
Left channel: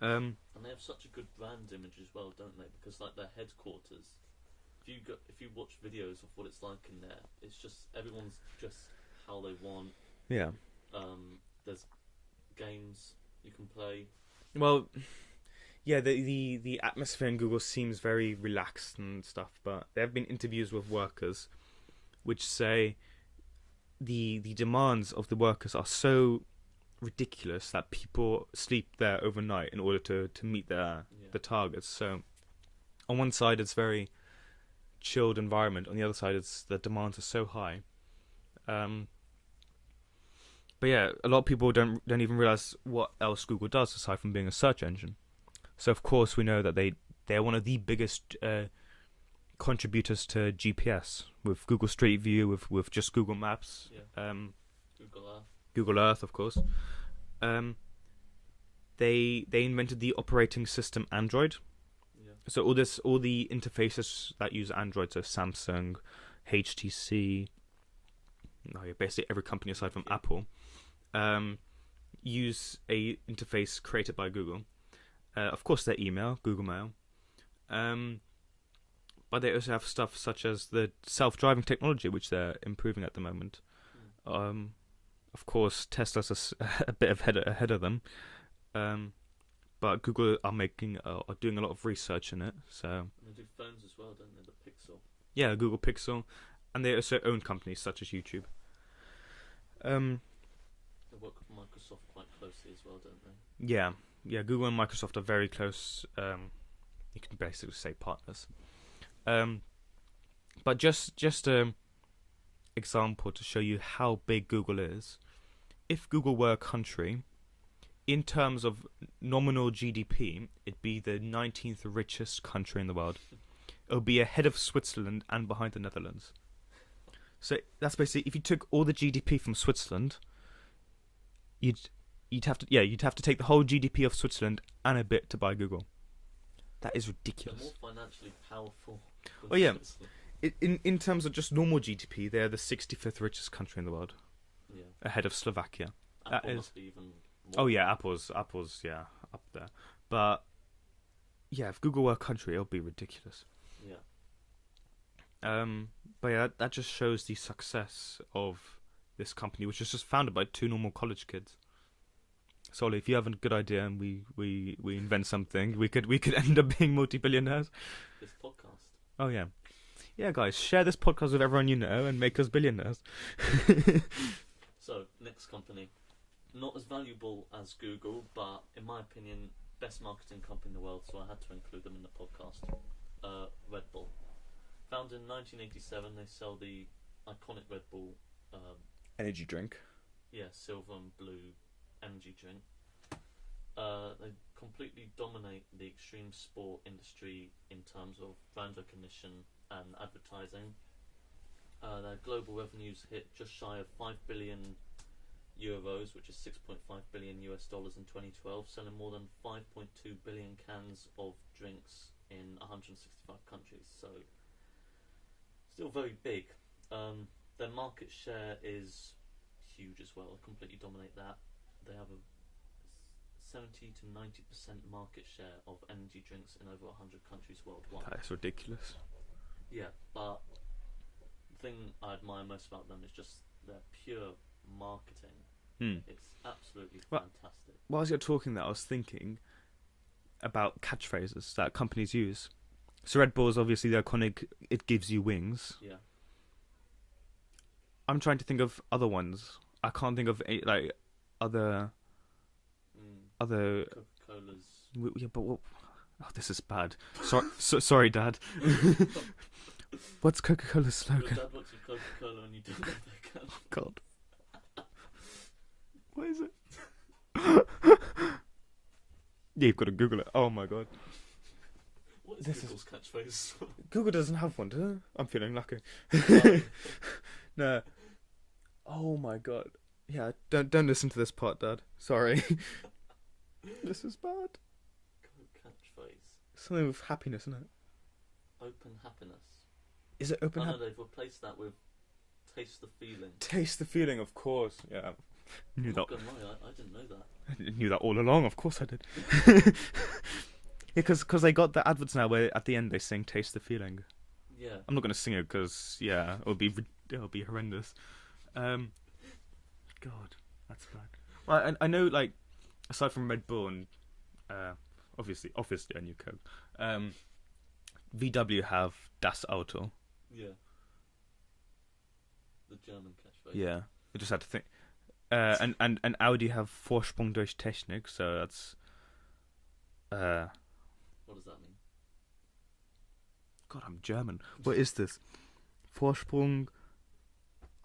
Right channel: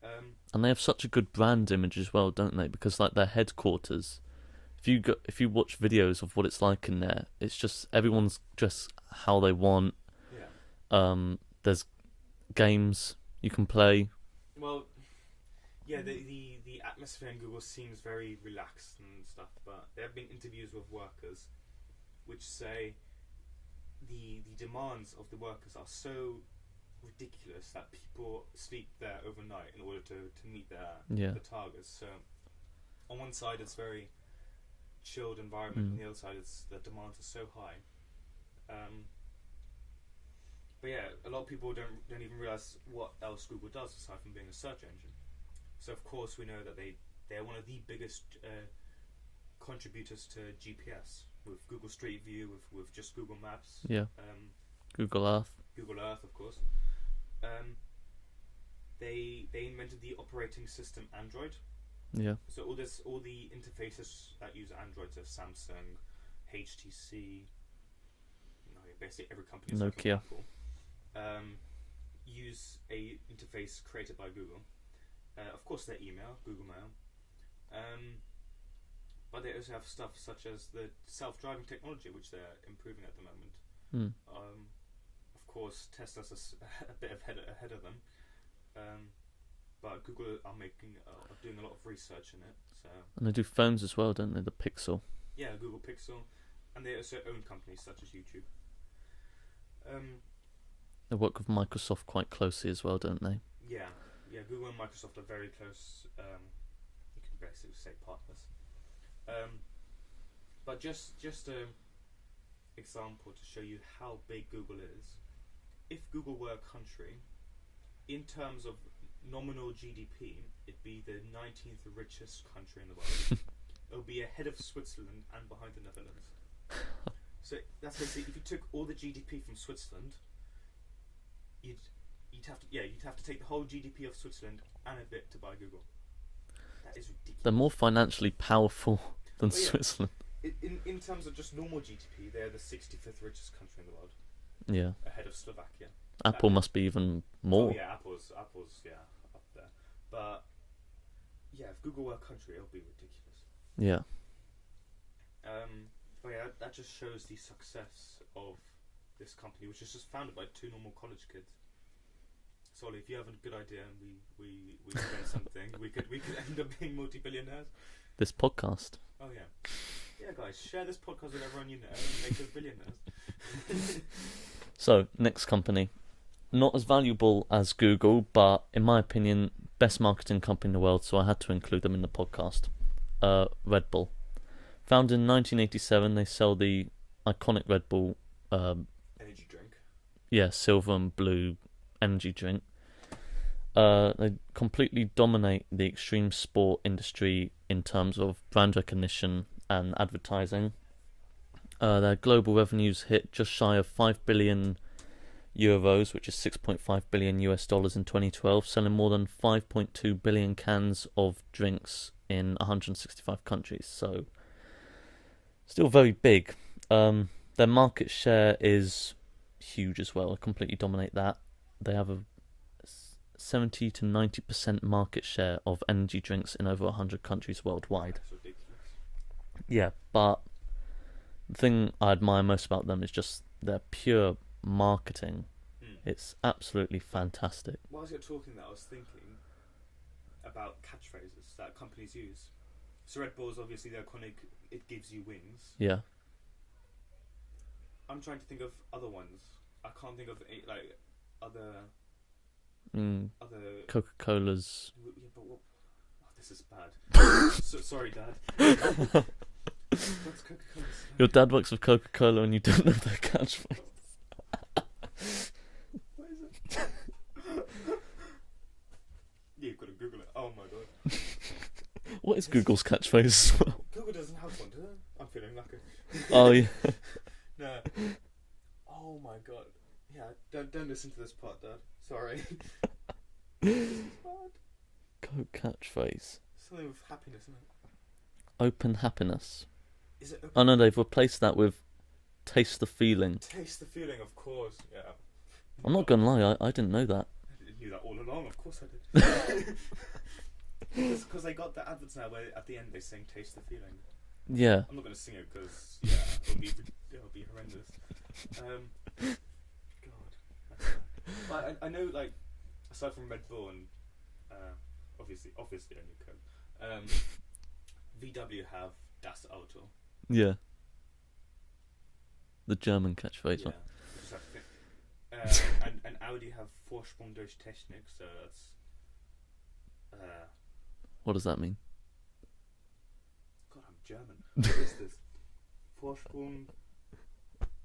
And they have such a good brand image as well, don't they? Because like their headquarters, if you watch videos of what it's like in there, it's just everyone's dressed how they want. Yeah. There's games you can play. Well, yeah, the atmosphere in Google seems very relaxed and stuff, but there have been interviews with workers which say the demands of the workers are so ridiculous that people sleep there overnight in order to meet the targets. So on one side it's very chilled environment, on the other side it's the demands are so high. But yeah, a lot of people don't even realize what else Google does aside from being a search engine. So of course we know that they're one of the biggest contributors to GPS with Google Street View, with just Google Maps. Yeah. Google Earth, of course. They invented the operating system Android. Yeah. So all the interfaces that use Android, so Samsung, HTC, basically every company aside from Apple, use a interface created by Google. Of course, their email, Google Mail. But they also have stuff such as the self-driving technology, which they're improving at the moment. Of course, Tesla's a bit ahead of them. But Google are doing a lot of research in it. So. And they do phones as well, don't they? The Pixel. Yeah, Google Pixel, and they also own companies such as YouTube. They work with Microsoft quite closely as well, don't they? Yeah. Google and Microsoft are very close. You can basically say partners. But just a example to show you how big Google is. If Google were a country, in terms of nominal GDP, it'd be the 19th richest country in the world. It would be ahead of Switzerland and behind the Netherlands. So that's basically, if you took all the GDP from Switzerland, you'd have to take the whole GDP of Switzerland and a bit to buy Google. That is ridiculous. They're more financially powerful than Switzerland. In terms of just normal GDP, they're the 65th richest country in the world. Yeah. Ahead of Slovakia. Apple must be even more. Oh yeah, Apple's up there. But yeah, if Google were a country, it would be ridiculous. Yeah. But yeah, that just shows the success of this company, which was just founded by two normal college kids. So if you have a good idea and we invent something, we could end up being multi-billionaires. This podcast. Oh yeah. Yeah, guys, share this podcast with everyone you know and make us billionaires. So, next company. Not as valuable as Google, but in my opinion, best marketing company in the world, so I had to include them in the podcast. Red Bull. Founded in 1987, they sell the iconic Red Bull... energy drink. Yeah, silver and blue energy drink. They completely dominate the extreme sport industry in terms of brand recognition and advertising. Their global revenues hit just shy of 5 billion euros, which is 6.5 billion US dollars in 2012, selling more than 5.2 billion cans of drinks in 165 countries. So, still very big. Their market share is huge as well. They completely dominate that. They have a 70 to 90% market share of energy drinks in over 100 countries worldwide. That's ridiculous. Yeah, but the thing I admire most about them is just their pure marketing. It's absolutely fantastic. Whilst you're talking that, I was thinking about catchphrases that companies use. So Red Bull is obviously the iconic, it gives you wings. Yeah. I'm trying to think of other ones. I can't think of other Coca-Cola's. Yeah, but what? Oh, this is bad. Sorry, Dad. What's Coca-Cola's slogan? Your dad works with Coca-Cola and you don't know their catchphrase. God. What is it? Yeah, you've got to Google it. Oh my god. What is Google's catchphrase as well? Google doesn't have one, does it? I'm feeling lucky. Oh, yeah. No. Oh my god. Yeah, don't listen to this part, Dad. Sorry. This is bad. Coke catchphrase. Something with happiness, isn't it? Open happiness. Is it open? Oh no, they've replaced that with taste the feeling. Taste the feeling, of course. Yeah. I'm not gonna lie, I didn't know that. I knew that all along. Of course I did. Because they got the adverts now where at the end they sing "Taste the Feeling." Yeah. I'm not gonna sing it because it'll be horrendous. God, that's bad. I know, like, aside from Red Bull and obviously I knew Coke. VW have Das Auto. Yeah. The German catchphrase. Yeah, I just had to think. And Audi have Vorsprung durch Technik, so that's. What does that mean? God, I'm German. What is this? Vorsprung.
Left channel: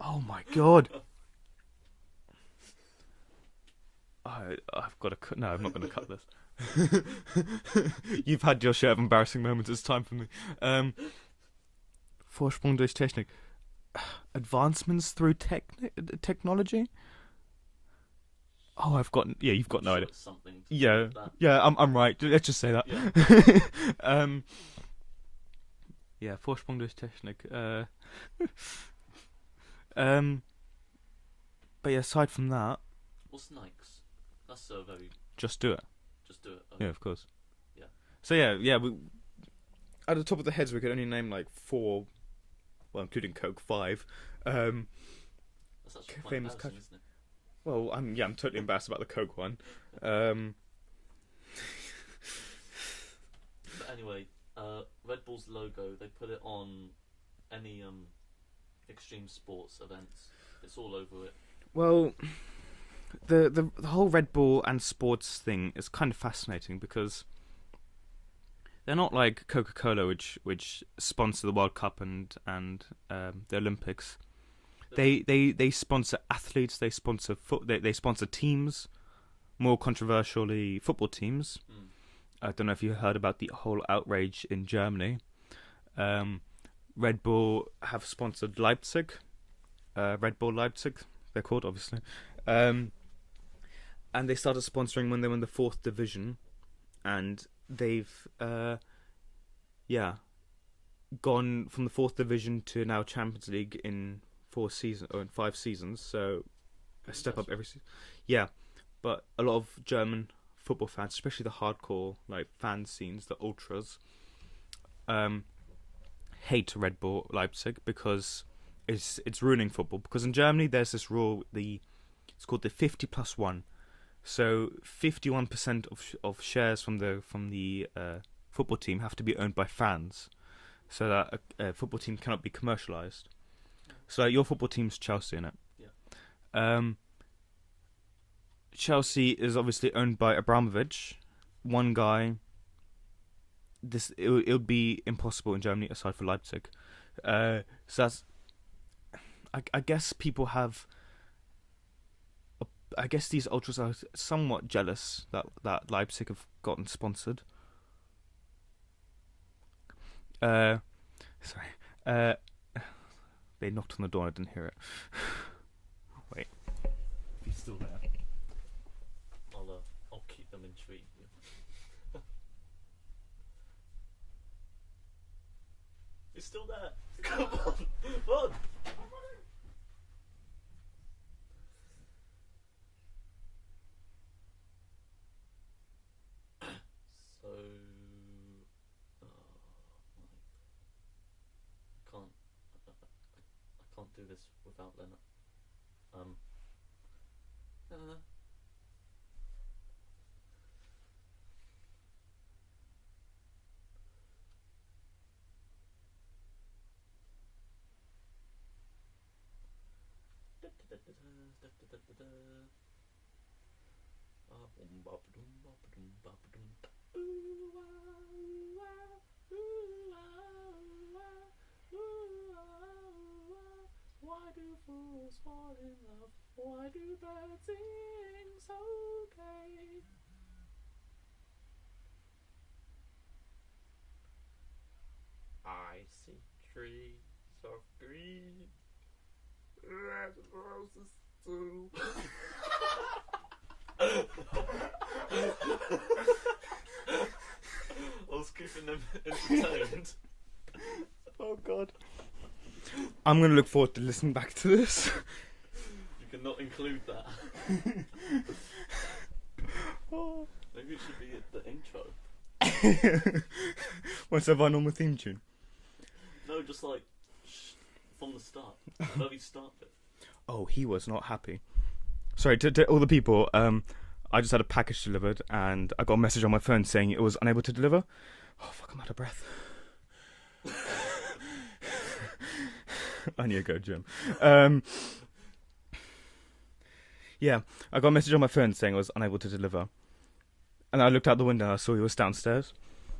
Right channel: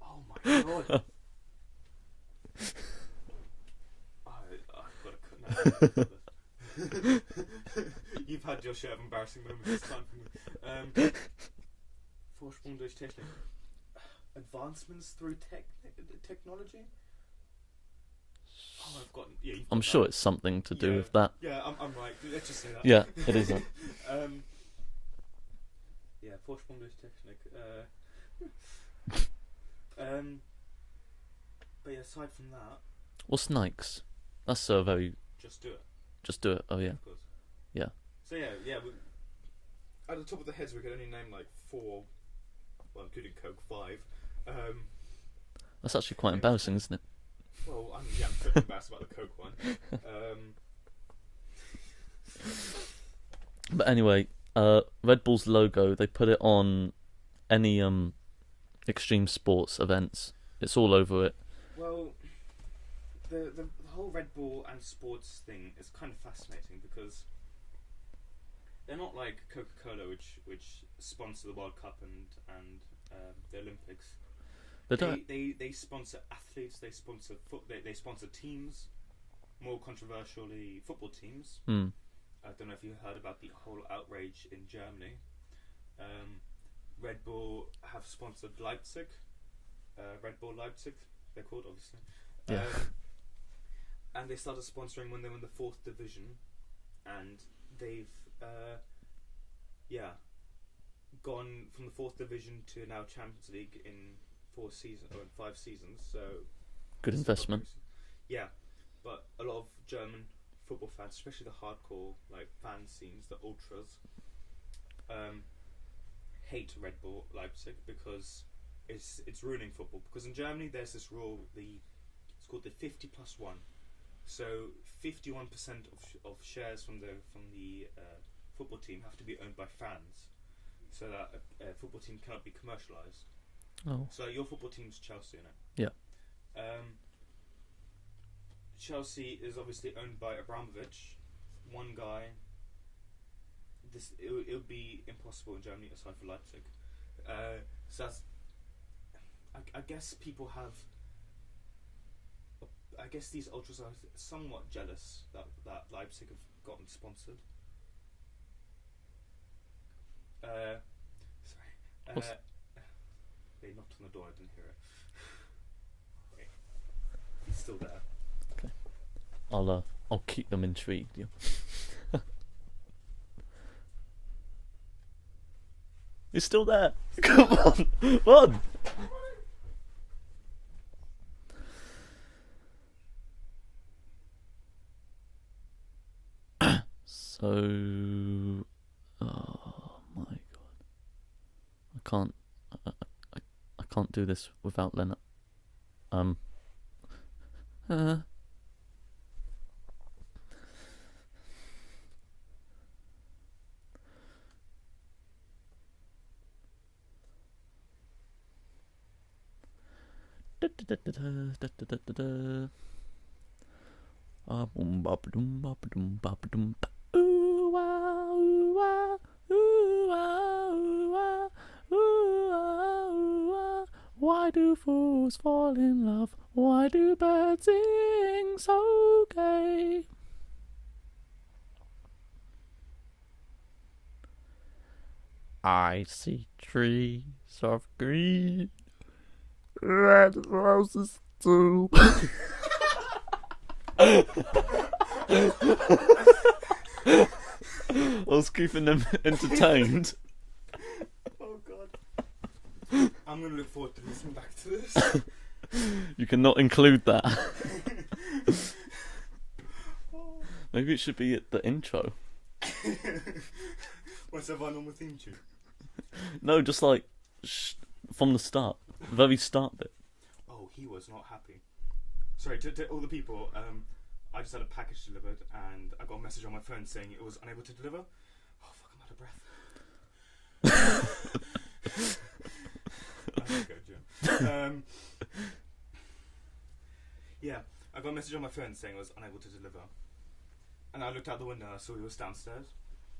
Oh my god. I've got to cut. No, I'm not going to cut this. You've had your share of embarrassing moments. It's time for me. Vorsprung durch Technik. Advancements through technology. Oh, I've got. Yeah, you've got. I'm sure it's something to do with that. Yeah, I'm right. Let's just say that. Yeah. Yeah, Vorsprung durch Technik. But yeah, aside from that, What's Nikes? That's a very. just do it. Just do it. Oh yeah. Of course. Yeah. So yeah. We, at the top of the heads, we could only name like 4, well, including Coke, 5. That's actually quite famous embarrassing, isn't it? Well, I'm totally embarrassed about the Coke one. But anyway, Red Bull's logo, they put it on any extreme sports events. It's all over it. Well, the whole Red Bull and sports thing is kind of fascinating because they're not like Coca-Cola, which sponsor the World Cup and the Olympics. They sponsor athletes. They sponsor they sponsor teams. More controversially, football teams. Mm. I don't know if you heard about the whole outrage in Germany. Red Bull have sponsored Leipzig. Red Bull Leipzig, they're called, obviously. And they started sponsoring when they were in the 4th division. And they've, gone from the 4th division to now Champions League in 5 seasons. So, Good step up investment. every season. Yeah, but a lot of German football fans, especially the hardcore like fan scenes, the ultras, hate Red Bull Leipzig because it's ruining football. Because in Germany there's this rule, it's called the 50+1. So 51% of shares from the football team have to be owned by fans, so that a football team cannot be commercialized. Oh. So your football team's Chelsea, innit? Yeah. Chelsea is obviously owned by Abramovich, one guy. It would be impossible in Germany aside for Leipzig. So that's. I guess people have. I guess these ultras are somewhat jealous that Leipzig have gotten sponsored. Sorry. They knocked on the door. I didn't hear it. Wait. He's still there. Okay. I'll keep them intrigued. Yeah. He's still there. Come on, run. So, oh my god, I can't do this without Leonard. Boom ba ba doom ba ba doom ba ba doom ba. Ooh wow Why do fools fall in love? Why do birds sing so gay? I see trees of green, red roses too. I was keeping them entertained. Oh God. I'm gonna look forward to listening back to this. You cannot include that. Maybe it should be at the intro. What's our normal theme tune? No, just like from the start, very start bit. Oh, he was not happy. Sorry to all the people. I just had a package delivered, and I got a message on my phone saying it was unable to deliver. Oh fuck! I'm out of breath. I need to go gym. Yeah, I got a message on my phone saying it was unable to deliver, and I looked out the window and I saw he was downstairs.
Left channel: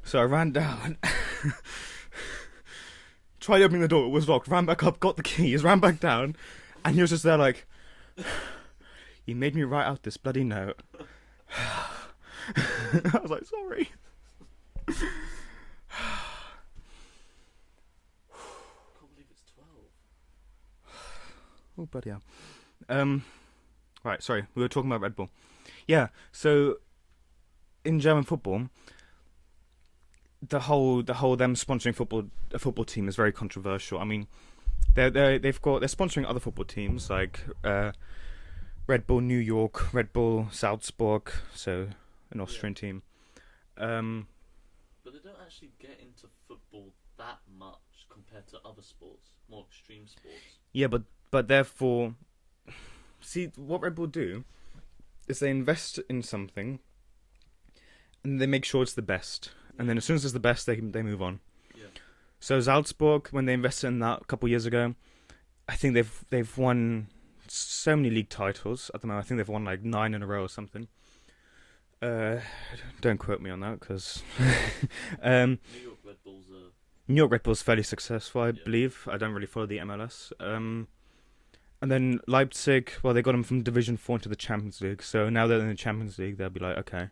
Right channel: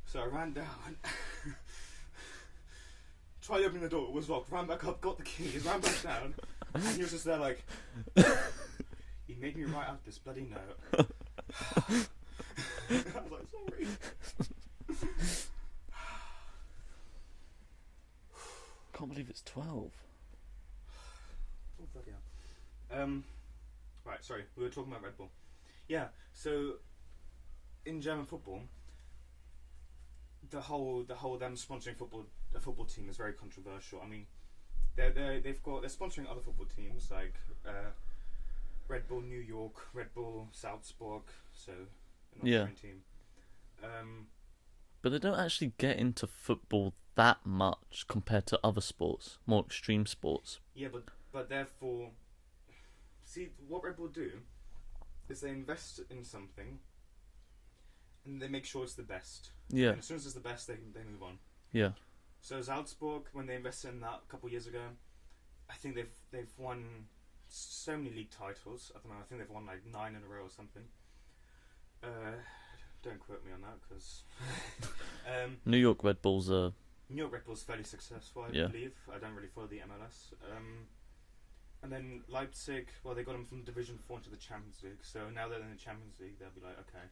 So I ran down, tried opening the door, it was locked, ran back up, got the keys, ran back down, and he was just there like, "You made me write out this bloody note." I was like, "Sorry." Can't believe it's 12. Oh bloody hell. Right, sorry, we were talking about Red Bull. Yeah, so in German football, the whole them sponsoring a football team is very controversial. I mean, they're sponsoring other football teams like Red Bull New York, Red Bull Salzburg, so an Austrian team. But they don't actually get into football that much compared to other sports, more extreme sports. Yeah, but therefore, see what Red Bull do is they invest in something, and they make sure it's the best. Yeah. And then as soon as it's the best, they move on. Yeah. So Salzburg, when they invested in that a couple of years ago, I think they've won so many league titles at the moment. I think they've won like 9 in a row or something. Don't quote me on that, because New York Red Bulls are... New York Red Bull's fairly successful, I believe. I don't really follow the MLS. And then Leipzig, well, they got them from Division 4 into the Champions League. So now they're in the Champions League, they'll be like, okay,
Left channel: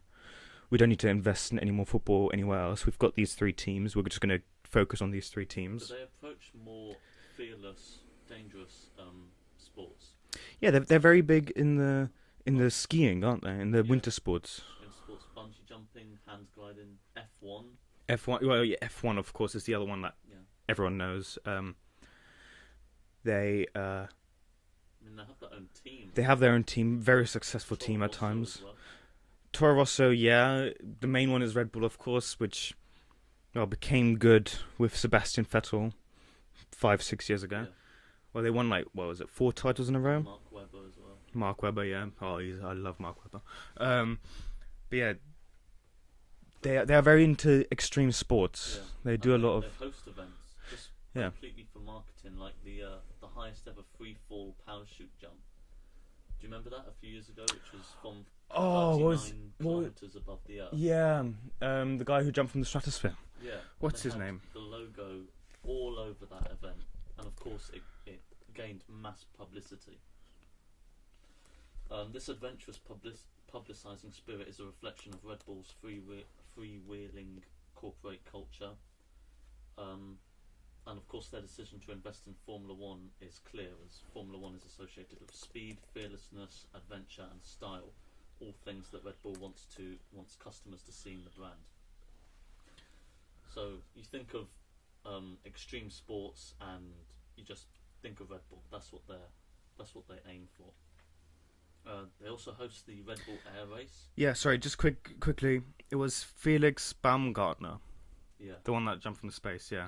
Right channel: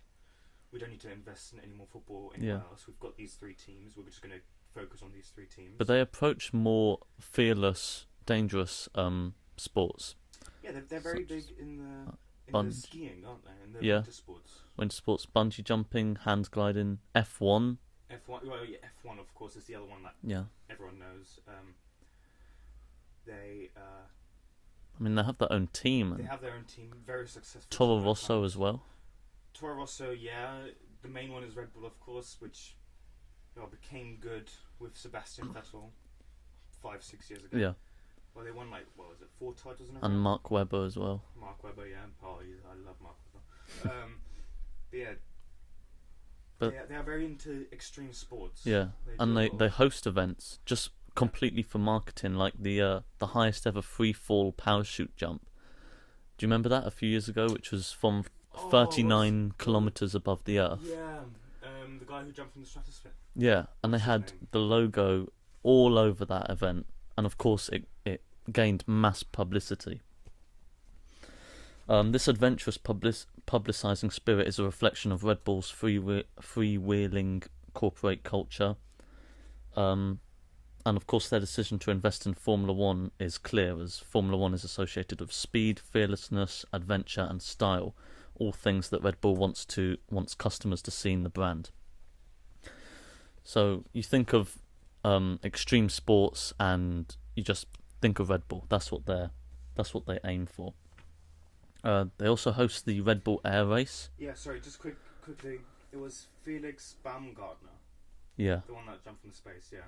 we don't need to invest in any more football anywhere else. We've got these 3 teams. We're just going to focus on these 3 teams. But they approach more fearless, dangerous sports. Yeah, they're very big in the skiing, aren't they? In the winter sports. Winter sports, bungee jumping, hand gliding, F1. F1, well, yeah, F1, of course, is the other one that everyone knows. They have their own team. They have their own team, very successful team at times. Toro Rosso as well. Toro Rosso, yeah. The main one is Red Bull, of course, which became good with Sebastian Vettel 5-6 years ago. Yeah. Well, they won 4 titles in a row? And Mark Webber as well. Mark Webber, yeah. Oh, I love Mark Webber. But yeah, they are very into extreme sports. Yeah, they do they host events just completely for marketing, like the highest ever free fall parachute jump. Do you remember that a few years ago, which was from 39 kilometers above the earth? Yeah, the guy who jumped from the stratosphere. Yeah, and they had the logo all over that event, and of course it gained mass publicity. This adventurous publicising spirit is a reflection of Red Bull's freewheeling corporate culture. And of course their decision to invest in Formula One is clear, as Formula One is associated with speed, fearlessness, adventure and style, all things that Red Bull wants customers to see in the brand. So you think of extreme sports and you just think of Red Bull. That's what they aim for. They also host the Red Bull Air Race. Yeah, sorry, just quickly. It was Felix Baumgartner. Yeah. The one that jumped from space, yeah.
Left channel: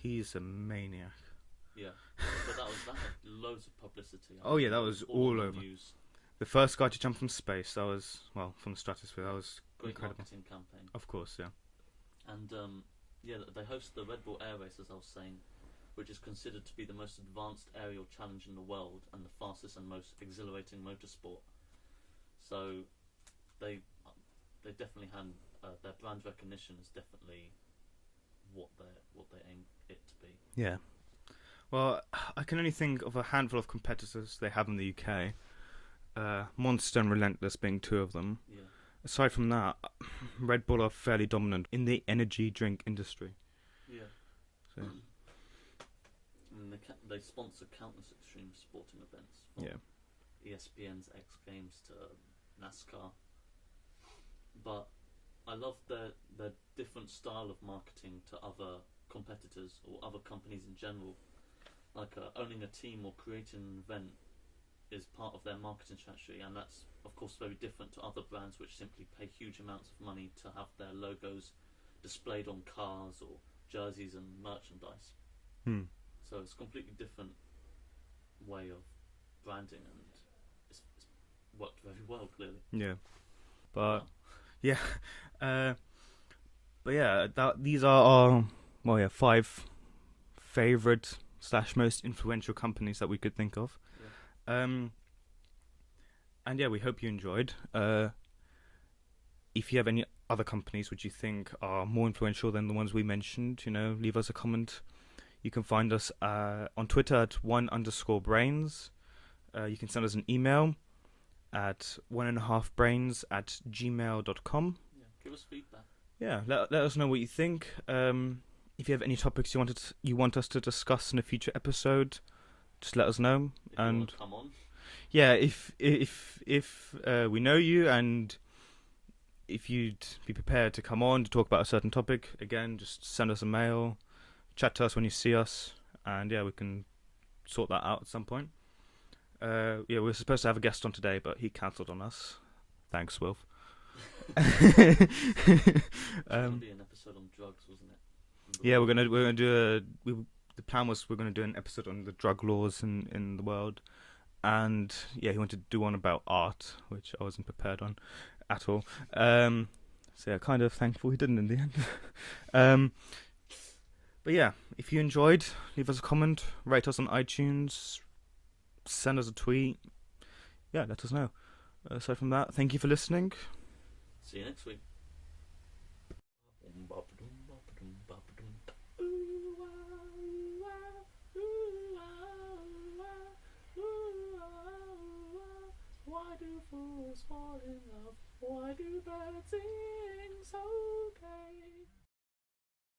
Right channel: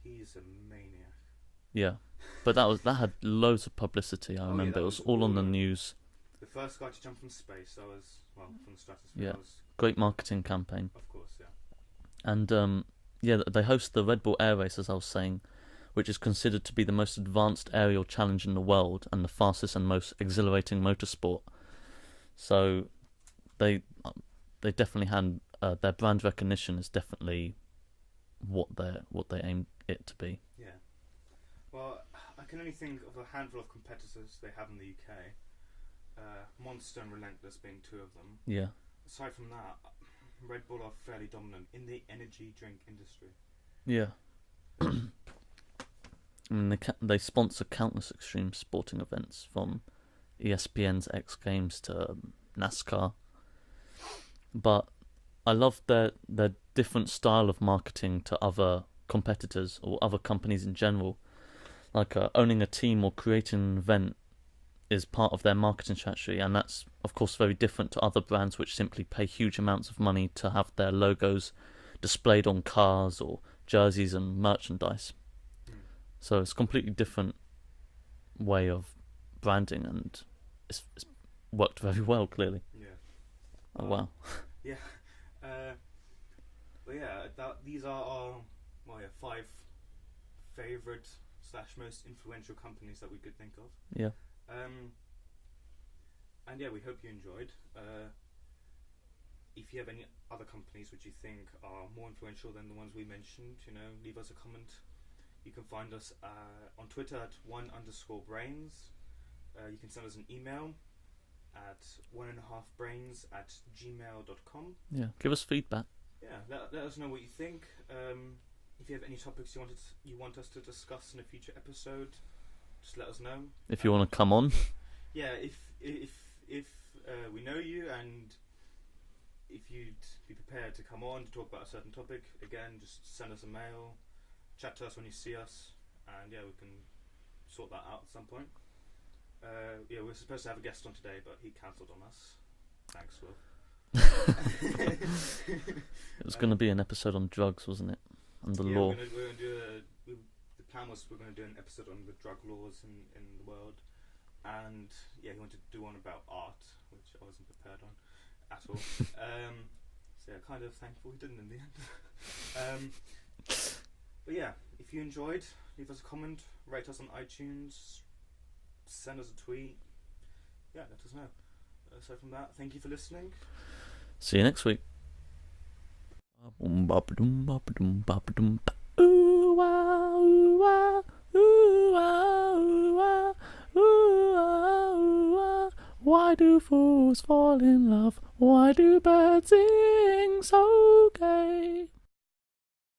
He's a maniac. Yeah. But that had loads of publicity. I remember. That was all on the news. The first guy to jump from space, that was, from the stratosphere. Yeah. That was great marketing campaign. Of course, yeah. And they host the Red Bull Air Race, as I was saying, which is considered to be the most advanced aerial challenge in the world and the fastest and most exhilarating motorsport. So they definitely had their brand recognition is definitely what they aim it to be. Yeah. Well, I can only think of a handful of competitors they have in the UK. Monster and Relentless being two of them. Yeah. Aside from that, Red Bull are fairly dominant in the energy drink industry. Yeah. So, I mean, they sponsor countless extreme sporting events, from ESPN's X Games to NASCAR. But I love their different style of marketing to other competitors or other companies in general. Like owning a team or creating an event is part of their marketing strategy, and that's of course very different to other brands which simply pay huge amounts of money to have their logos displayed on cars or jerseys and merchandise. So it's a completely different way of branding, and it's worked very well, clearly. Yeah. Wow. Yeah. But yeah, these are our 5 favorite / most influential companies that we could think of. Yeah. And yeah, we hope you enjoyed. If you have any other companies which you think are more influential than the ones we mentioned, leave us a comment. You can find us on Twitter at @1_brains. You can send us an email at 1.5brains@gmail.com. Yeah. Give us feedback. Yeah, let us know what you think. If you have any topics you want us to discuss in a future episode, just let us know. If you want to come on. Yeah, if we know you, and if you'd be prepared to come on to talk about a certain topic, again, just send us a mail, chat to us when you see us, and yeah, we can sort that out at some point. We were supposed to have a guest on today, but he cancelled on us. Thanks, Will. It was going to be an episode on drugs, wasn't it? And the law. we're gonna do the plan was we're gonna do an episode on the drug laws in the world, and yeah, he wanted to do one about art, which I wasn't prepared on at all. So yeah, kind of thankful he didn't in the end. But yeah, if you enjoyed, leave us a comment, rate us on iTunes, send us a tweet. Yeah, let us know. Aside from that, thank you for listening. See you next week. Why do fools fall in love? Why do birds sing so gay?